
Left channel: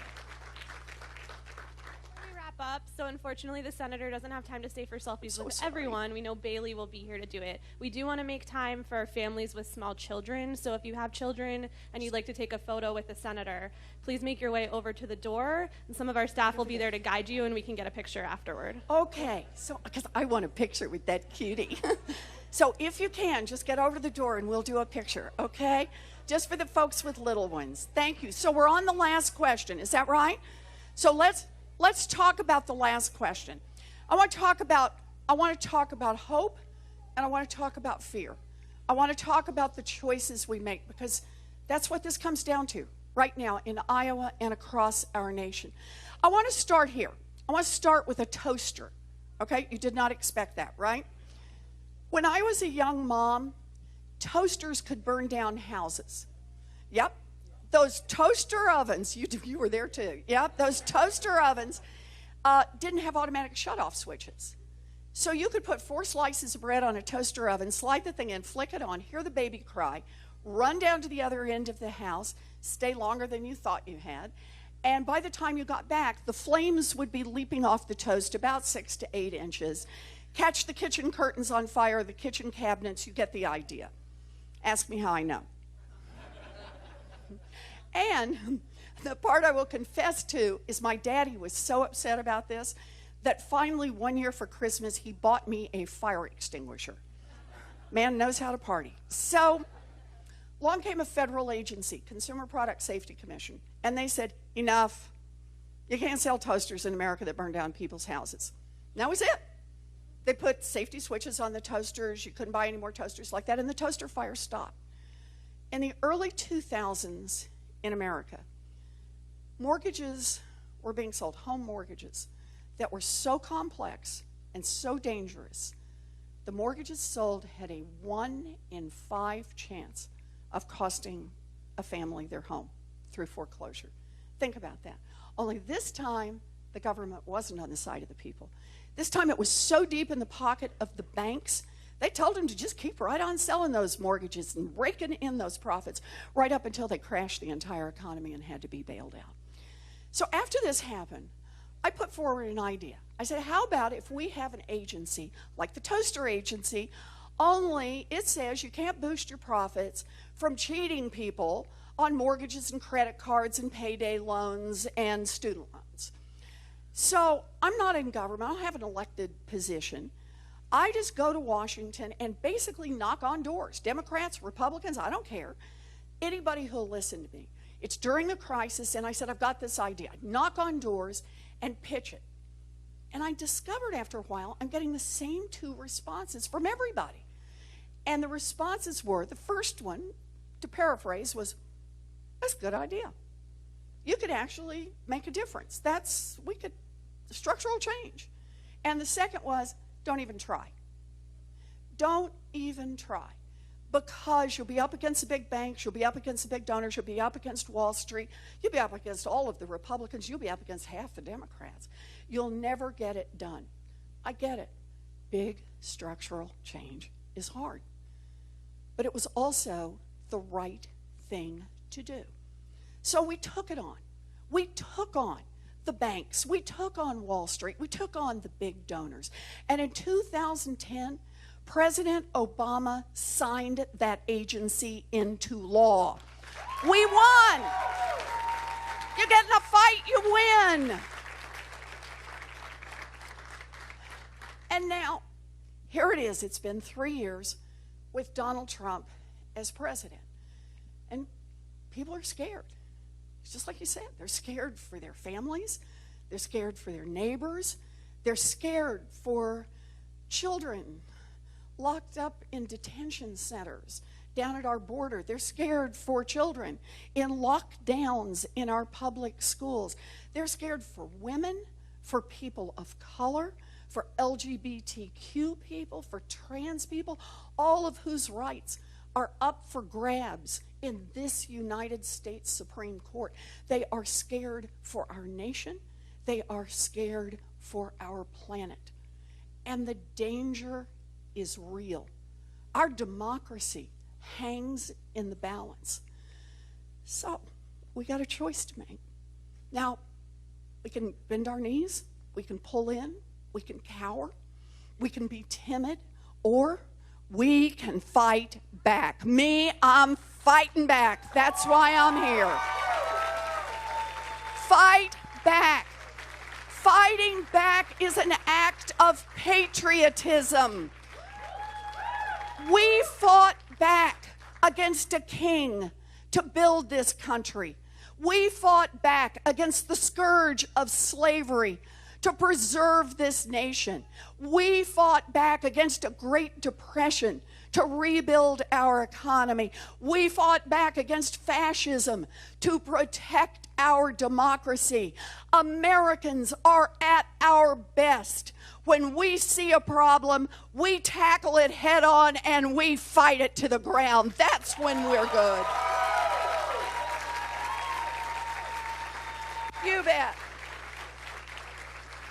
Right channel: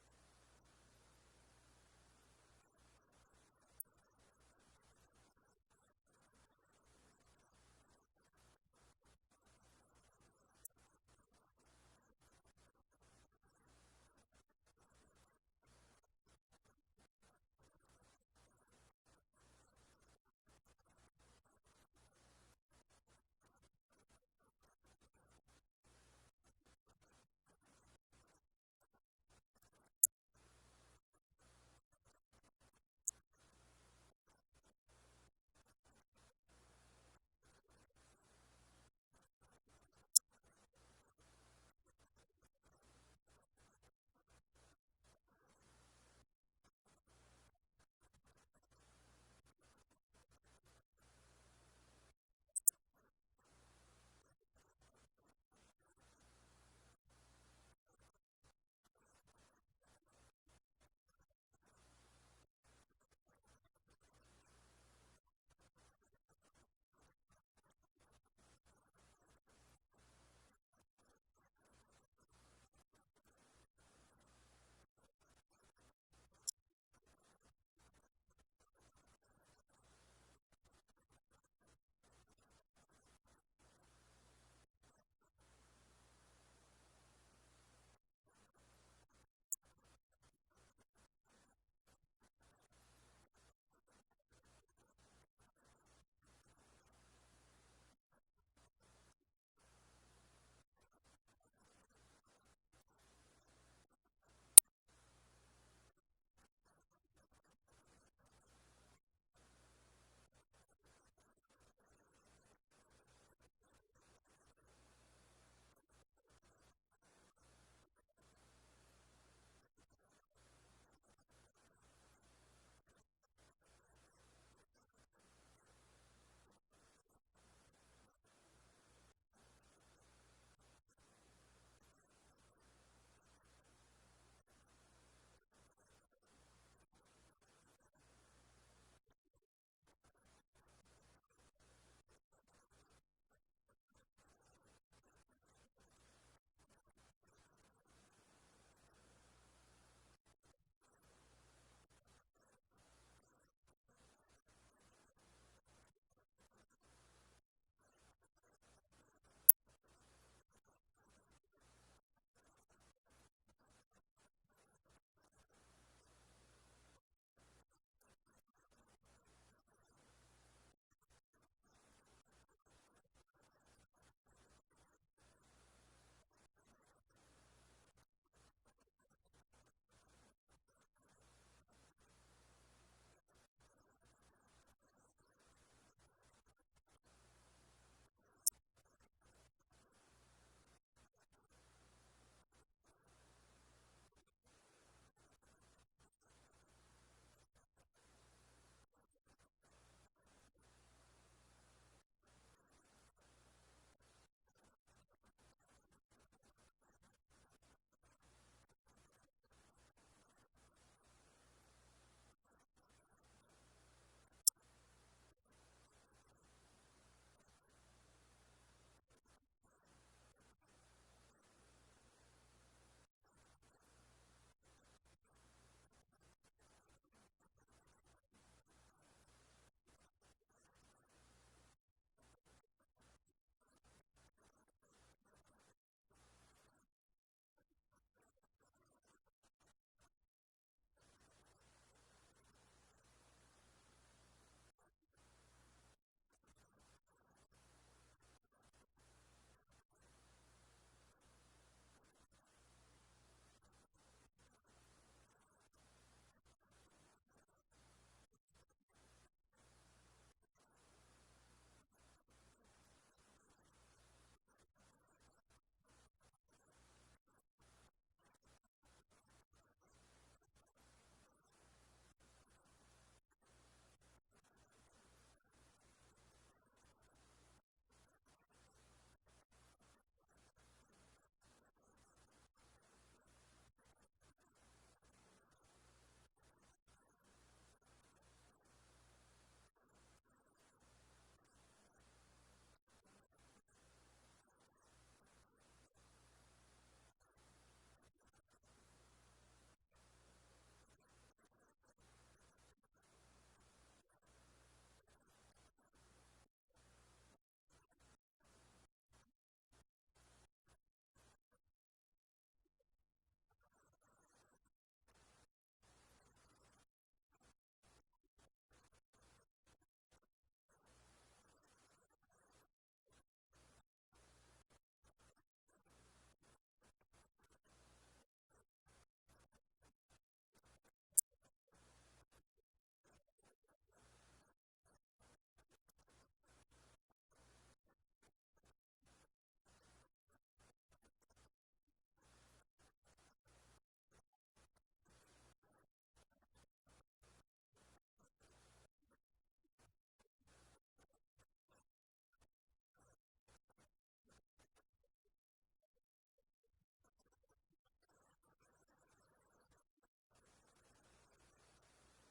Up. So unfortunately, the senator doesn't have time to stay for selfies with sorry. everyone. We know Bailey will be here to do it. We do want to make time for families with small children. So if you have children and you'd like to take a photo with the senator, please make your way over to the door, and some of our staff will be there to guide you, and we can get a picture afterward. Okay, so because I want a picture with that cutie. So if you can, just get over to the door and we'll do a picture, okay? Just for the folks with little ones. Thank you. So we're on the last question, is that right? So let's talk about the last question. I want to talk about hope, and I want to talk about fear. I want to talk about the choices we make, because that's what this comes down to right now in Iowa and across our nation. I want to start here. I want to start with a toaster. Okay, you did not expect that, right? When I was a young mom, toasters could burn down houses. Yep. Those toaster ovens, you were there too. Yep, those toaster ovens didn't have automatic shutoff switches. So you could put 4 slices of bread on a toaster oven, slide the thing in, flick it on, hear the baby cry, run down to the other end of the house, stay longer than you thought you had, and by the time you got back, the flames would be leaping off the toast about 6 to 8 inches. Catch the kitchen curtains on fire, the kitchen cabinets, you get the idea. Ask me how I know. And the part I will confess to is my daddy was so upset about this that finally one year for Christmas he bought me a fire extinguisher. Man knows how to party. So along came a federal agency, Consumer Product Safety Commission, and they said, enough. You can't sell toasters in America that burn down people's houses. And that was it. They put safety switches on the toasters. You couldn't buy any more toasters like that, and the toaster fire stopped. In the early 2000s in America, mortgages were being sold, home mortgages, that were so complex and so dangerous. The mortgages sold had a 1 in 5 chance of costing a family their home through foreclosure. Think about that. Only this time, the government wasn't on the side of the people. This time it was so deep in the pocket of the banks, they told them to just keep right on selling those mortgages and raking in those profits right up until they crashed the entire economy and had to be bailed out. So after this happened, I put forward an idea. I said, how about if we have an agency like the Toaster Agency, only it says you can't boost your profits from cheating people on mortgages and credit cards and payday loans and student loans. So I'm not in government. I don't have an elected position. I just go to Washington and basically knock on doors. Democrats, Republicans, I don't care. Anybody who'll listen to me. It's during the crisis, and I said, I've got this idea. I'd knock on doors and pitch it. And I discovered after a while, I'm getting the same 2 responses from everybody. And the responses were, the first one, to paraphrase, was, that's a good idea. You could actually make a difference. Structural change. And the second was, don't even try. Don't even try. Because you'll be up against the big banks, you'll be up against the big donors, you'll be up against Wall Street, you'll be up against all of the Republicans, you'll be up against half the Democrats. You'll never get it done. I get it. Big structural change is hard. But it was also the right thing to do. So we took it on. We took on the banks. We took on Wall Street. We took on the big donors. And in 2010, President Obama signed that agency into law. We won. You get in a fight, you win. And now, here it is. It's been 3 years with Donald Trump as president. And people are scared. It's just like you said. They're scared for their families. They're scared for their neighbors. They're scared for children locked up in detention centers down at our border. They're scared for children in lockdowns in our public schools. They're scared for women, for people of color, for LGBTQ people, for trans people, all of whose rights are up for grabs in this United States Supreme Court. They are scared for our nation. They are scared for our planet. And the danger is real. Our democracy hangs in the balance. So we got a choice to make. Now, we can bend our knees, we can pull in, we can cower, we can be timid, or we can fight back. Me, I'm fighting back. That's why I'm here. Fight back. Fighting back is an act of patriotism. We fought back against a king to build this country. We fought back against the scourge of slavery to preserve this nation. We fought back against a Great Depression to rebuild our economy. We fought back against fascism to protect our democracy. Americans are at our best when we see a problem, we tackle it head on and we fight it to the ground. That's when we're good. You bet.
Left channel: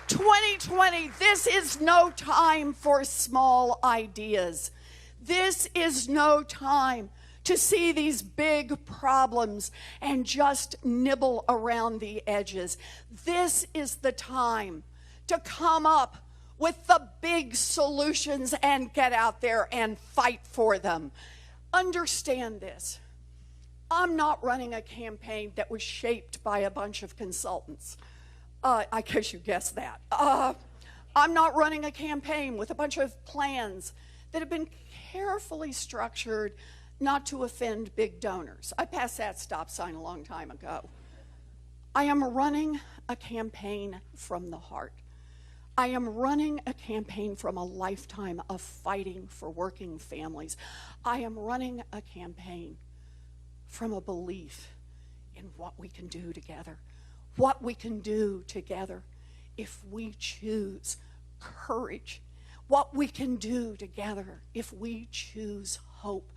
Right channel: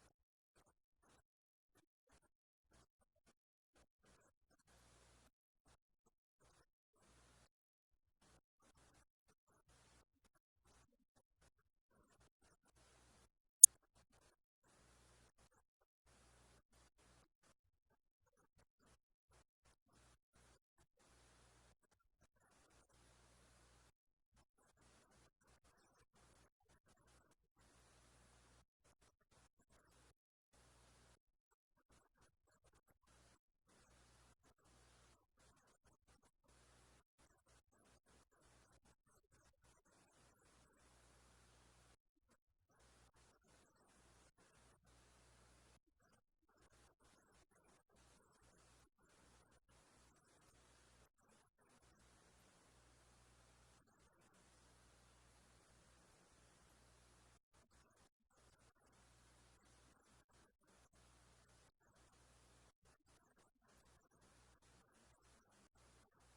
2020, this is no time for small ideas. This is no time to see these big problems and just nibble around the edges. This is the time to come up with the big solutions and get out there and fight for them. Understand this. I'm not running a campaign that was shaped by a bunch of consultants. I guess you guessed that. I'm not running a campaign with a bunch of plans that have been carefully structured not to offend big donors. I passed that stop sign a long time ago. I am running a campaign from the heart. I am running a campaign from a lifetime of fighting for working families. I am running a campaign from a belief in what we can do together. What we can do together if we choose courage. What we can do together if we choose hope.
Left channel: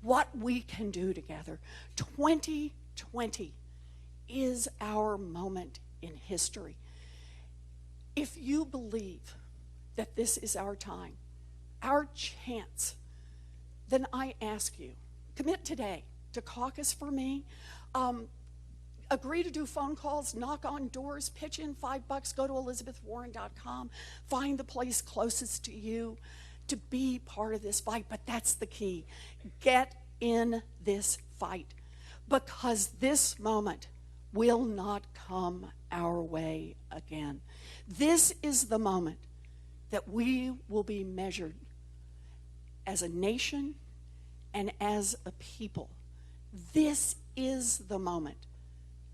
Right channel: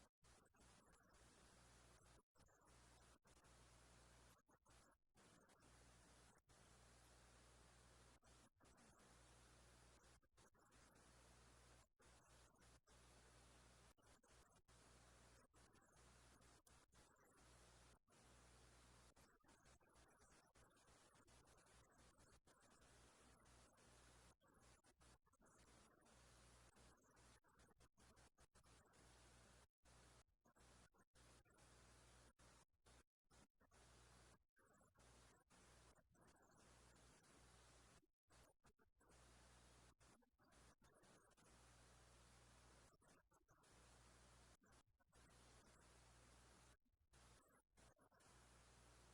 What we can do together. 2020 is our moment in history. If you believe that this is our time, our chance, then I ask you, commit today to caucus for me. Agree to do phone calls, knock on doors, pitch in $5, go to elizabethwarren.com, find the place closest to you to be part of this fight. But that's the key. Get in this fight, because this moment will not come our way again. This is the moment that we will be measured as a nation and as a people. This is the moment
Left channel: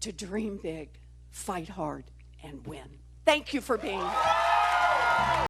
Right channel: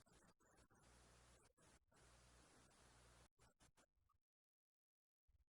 to dream big, fight hard, and win. Thank you for being here.